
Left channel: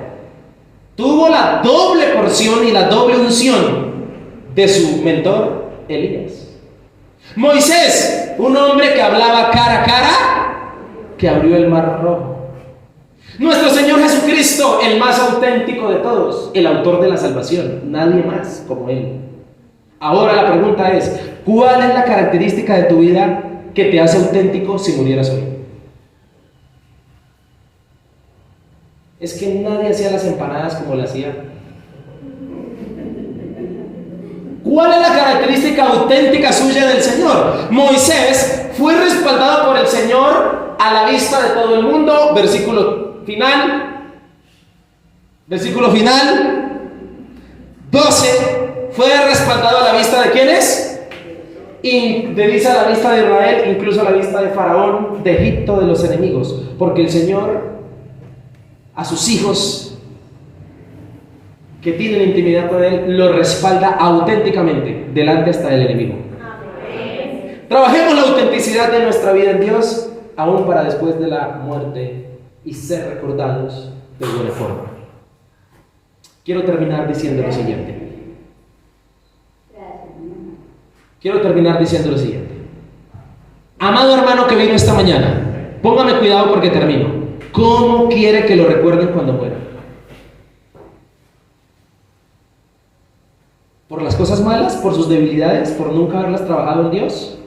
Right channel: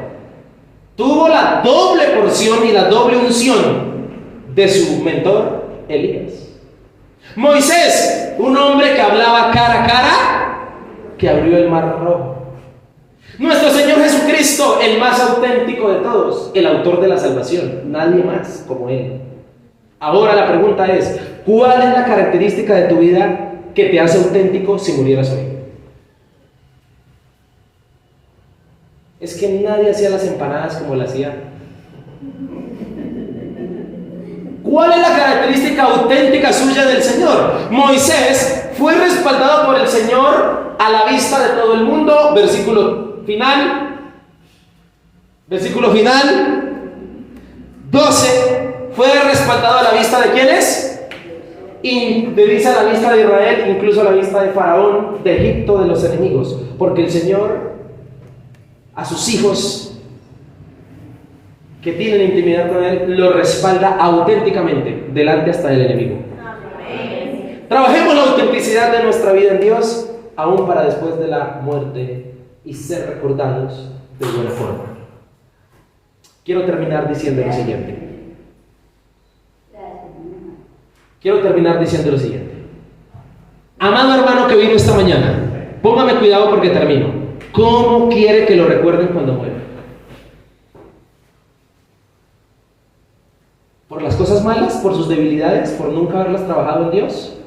tuvo la doble porción y la doble unción de su mentor, Elías. Moisés, un hombre que hablaba cara a cara, que abrió el mar rojo. Nuestro Señor Jesucristo, el más auténtico de todos, el autor de la salvación, nadie más como Él. Ahora la pregunta es, ¿cuál es la característica de tu vida que te hace auténtico si murieras hoy? Es que nadie hacía las empanadas como las hacía. ¿Cuál es la característica auténtica suya del Señor? Moisés fue respaldado por el Señor a la vista de todo el mundo. Versículo final 12. Fue respaldado a la vista de ¿quiénes? Y dice a la vista de Israel, incluso a la vista de Faraón, de Egipto, de los enemigos, porque el Señor a sus hijos que tienen intimidad con Él lo respalda auténticamente delante hasta del enemigo. Amén. Trabajemos la autenticidad de nuestra vida en Dios aún para después de la muerte y ser recordados de buena forma. Quiero terminar diciendo lo siguiente. Amado hermano que vino esta mañana, póngame cuidado porque termino. ¿Cómo quiere que lo recuerden cuando muera? ¿Por las cosas malas? ¿Por sus debilidades? ¿Por nunca haberlas trabajado en Dios?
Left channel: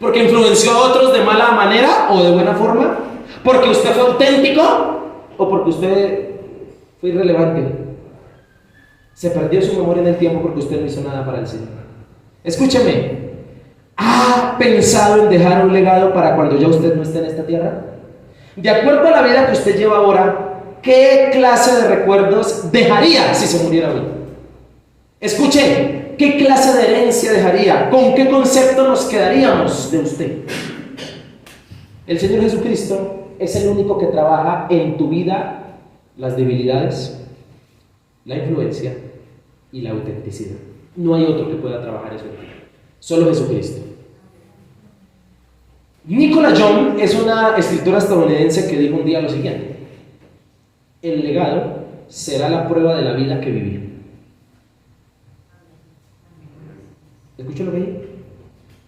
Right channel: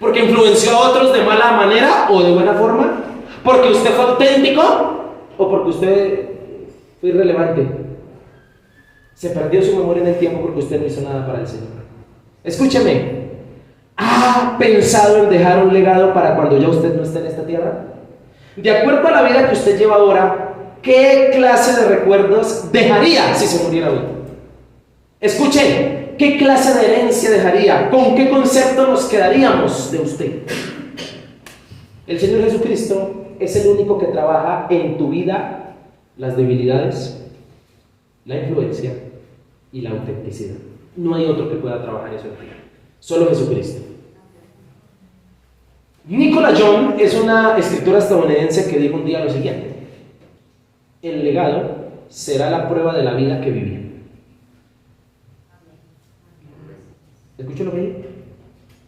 ¿Porque influenció a otros de mala manera o de buena forma? ¿Porque usted fue auténtico? ¿O porque usted fue irrelevante? Se perdió su memoria en el tiempo porque usted no hizo nada para el Señor. Escúcheme, ¿ha pensado en dejar un legado para cuando ya usted no esté en esta tierra? De acuerdo a la vida que usted lleva ahora, ¿qué clase de recuerdos dejaría si se muriera hoy? Escuche, ¿qué clase de herencia dejaría? ¿Con qué concepto nos quedaríamos de usted? El Señor Jesucristo es el único que trabaja en tu vida las debilidades, la influencia y la autenticidad. No hay otro que pueda trabajar eso en ti. Solo Jesucristo. Nicola Young es una escritora estadounidense que dijo un día lo siguiente: el legado será la prueba de la vida que viví. ¿Escuchó lo que dijo?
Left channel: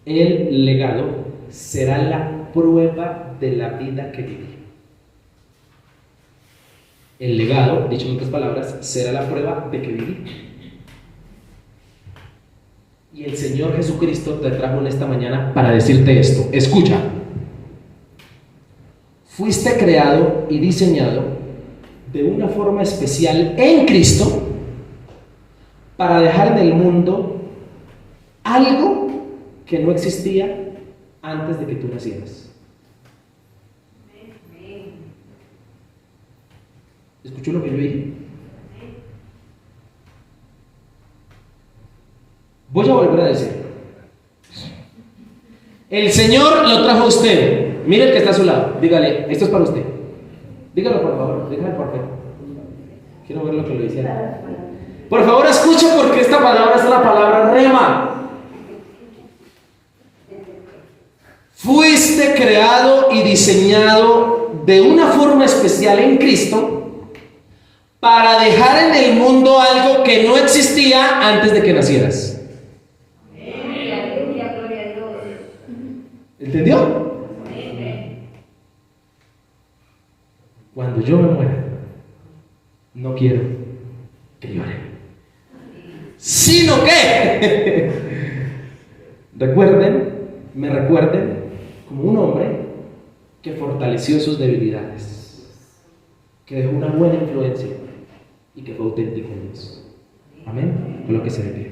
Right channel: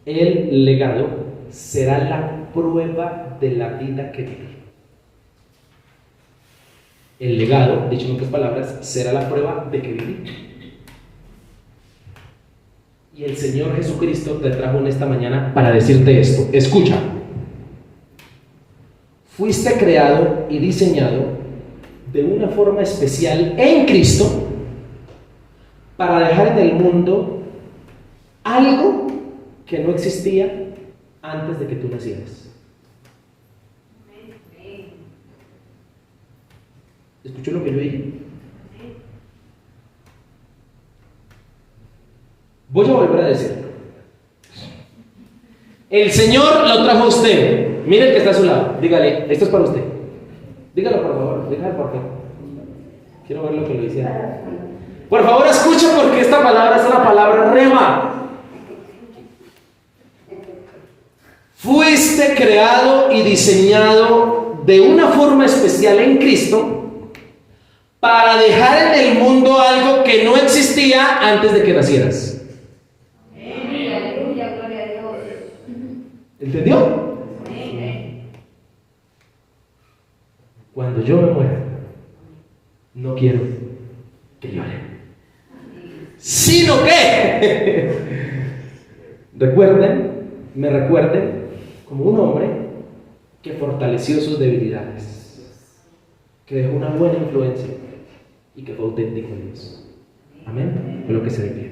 El legado será la prueba de la vida que viví. El legado, dicho en otras palabras, será la prueba de que viví. Y el Señor Jesucristo te trajo en esta mañana para decirte esto. Escucha. Fuiste creado y diseñado de una forma especial en Cristo para dejar en el mundo algo que no existía antes de que tú nacieras. ¿Escuchó lo que yo dije? Voy a volver a decirlo. El Señor lo trajo a usted. Mire el que está a su lado. Dígale, esto es para usted. Dígalo por favor. Dígale por favor. Quiero ver lo que lo dice. Por favor, escucha porque esta palabra es una palabra rema. Fuiste creado y diseñado de una forma especial en Cristo para dejar en el mundo algo que no existía antes de que nacieras. ¿Entendió? Cuando yo me muera, no quiero que llore, sino que me recuerden como un hombre que fortaleció sus debilidades, que dejó una buena influencia y que fue auténtico en Dios. Amén. Lo que se dé pie.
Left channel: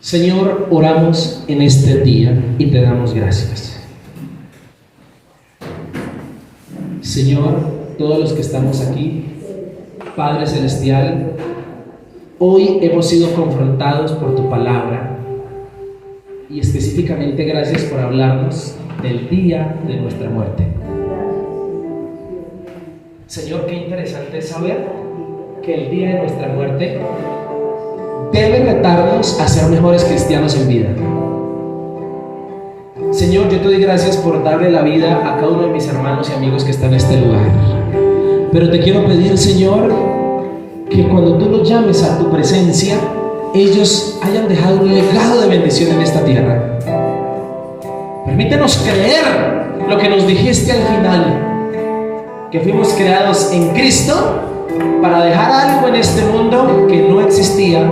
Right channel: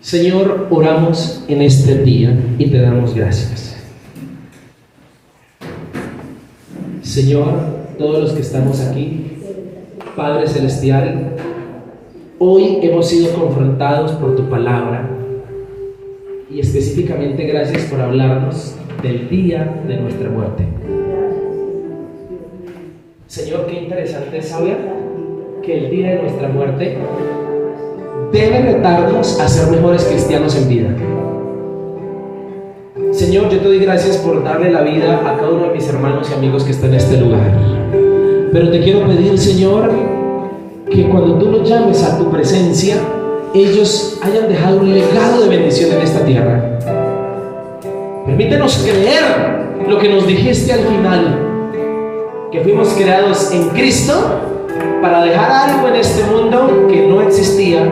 Señor, oramos en este día y te damos gracias. Señor, todos los que estamos aquí, Padre Celestial, hoy hemos sido confrontados por tu palabra y específicamente gracias por hablarnos del día de nuestra muerte. Señor, qué interesante es saber que el día de nuestra muerte debe retarnos a ser mejores cristianos en vida. Señor, yo te doy gracias por darle la vida a cada uno de mis hermanos y amigos que están en este lugar. Pero te quiero pedir, Señor, que cuando tú los llames a tu presencia, ellos hayan dejado un legado de bendición en esta tierra. Permítenos creer lo que nos dijiste al final, que fuimos creados en Cristo para dejar algo en este mundo que no existía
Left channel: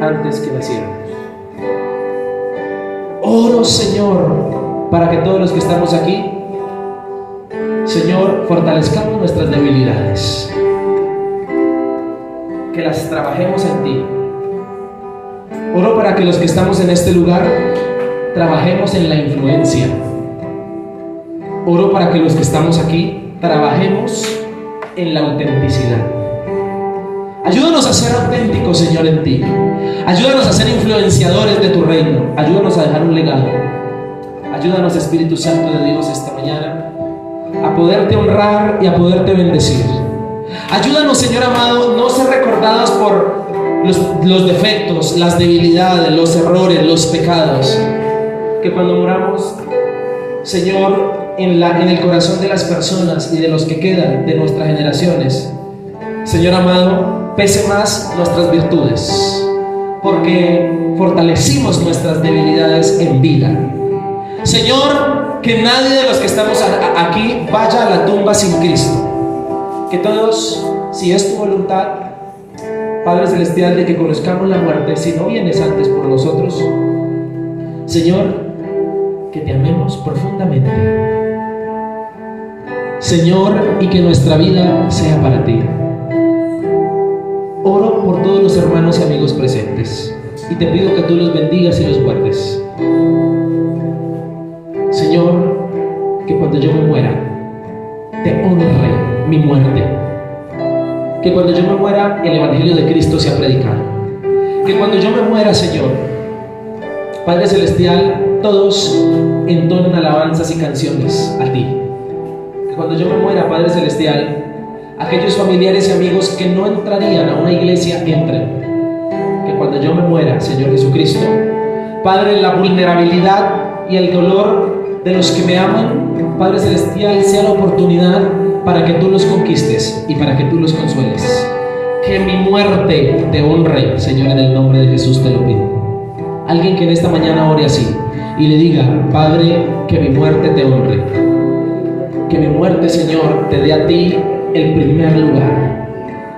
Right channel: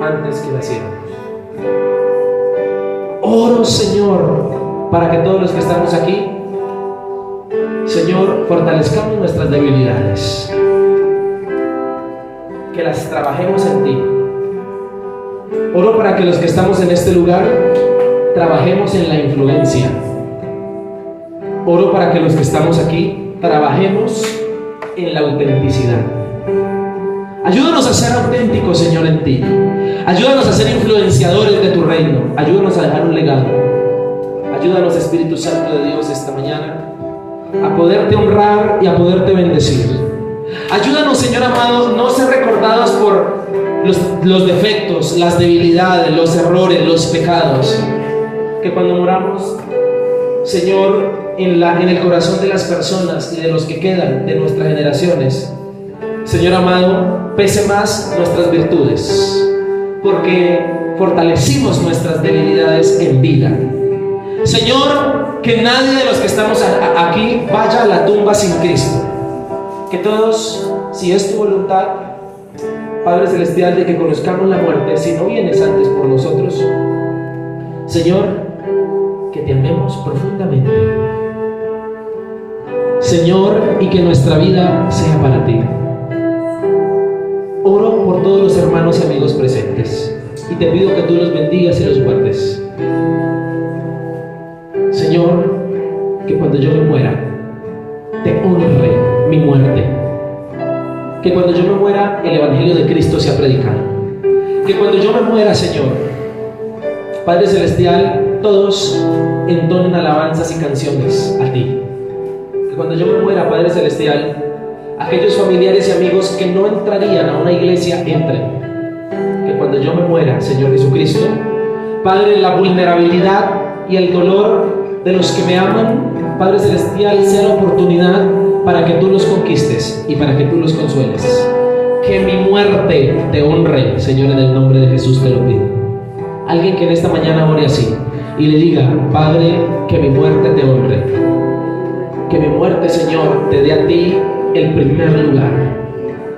antes que naciéramos. Oro, Señor, para que todos los que estamos aquí, Señor, fortalezcamos nuestras debilidades, que las trabajemos en ti. Oro para que los que estamos en este lugar trabajemos en la influencia. Oro para que los que estamos aquí trabajemos en la autenticidad. Ayúdanos a ser auténticos, Señor, en ti. Ayúdanos a ser influenciadores de tu reino. Ayúdanos a dejar un legado. Ayúdanos, Espíritu Santo de Dios, esta mañana a poderte honrar y a poderte bendecir. Ayúdanos, Señor amado, no ser recordados por los defectos, las debilidades, los errores, los pecados. Que cuando moramos, Señor, en el corazón de las personas y de los que quedan de nuestras generaciones, Señor amado, pese más nuestras virtudes, porque fortalecimos nuestras debilidades en vida. Señor, que nadie de los que estamos aquí vaya a la tumba sin Cristo. Que todos, si es tu voluntad, Padre Celestial, de que conozcamos la muerte, si no vienes antes por nosotros, Señor, que te amemos profundamente, Señor, y que nuestra vida sea para ti. Oro por todos los hermanos y amigos presentes y te pido que tú los bendigas y los guardes. Señor, que cuando yo me muera, te honre mi muerte. Que cuando yo me muera, el Evangelio de Cristo sea predicado. Que cuando yo me muera, Señor, Padre Celestial, todos entonen alabanzas y canciones a ti. Que cuando yo me muera, Padre Celestial, aquellos familiares y amigos que no entrarían a una iglesia entren. Que cuando yo me muera, Señor Jesucristo, Padre, la vulnerabilidad y el dolor de los que me aman, Padre Celestial, sea la oportunidad para que tú los conquistes y para que tú los consueles. que mi muerte te honre, Señor, en el nombre de Jesús te lo pido. Alguien que en esta mañana ore así y le diga: Padre, que mi muerte te honre, que mi muerte, Señor, te dé a ti el primer lugar,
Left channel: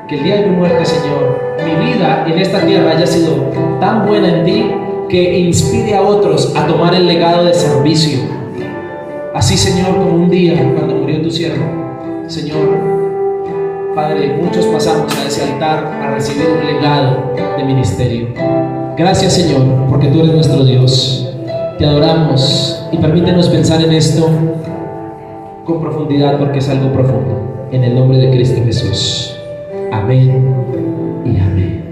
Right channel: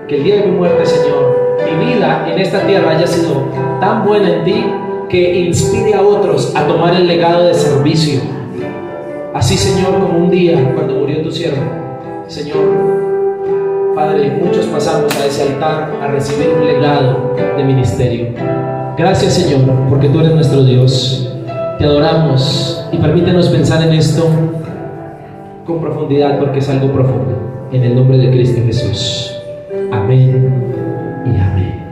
que el día de mi muerte, Señor, mi vida en esta tierra haya sido tan buena en ti que inspire a otros a tomar el legado de servicio. Así, Señor, como un día cuando murió tu siervo, Señor, Padre, muchos pasamos a ese altar a recibir un legado de ministerio. Gracias, Señor, porque tú eres nuestro Dios. Te adoramos y permítenos pensar en esto con profundidad, porque es algo profundo. En el nombre de Cristo Jesús. Amén y amén.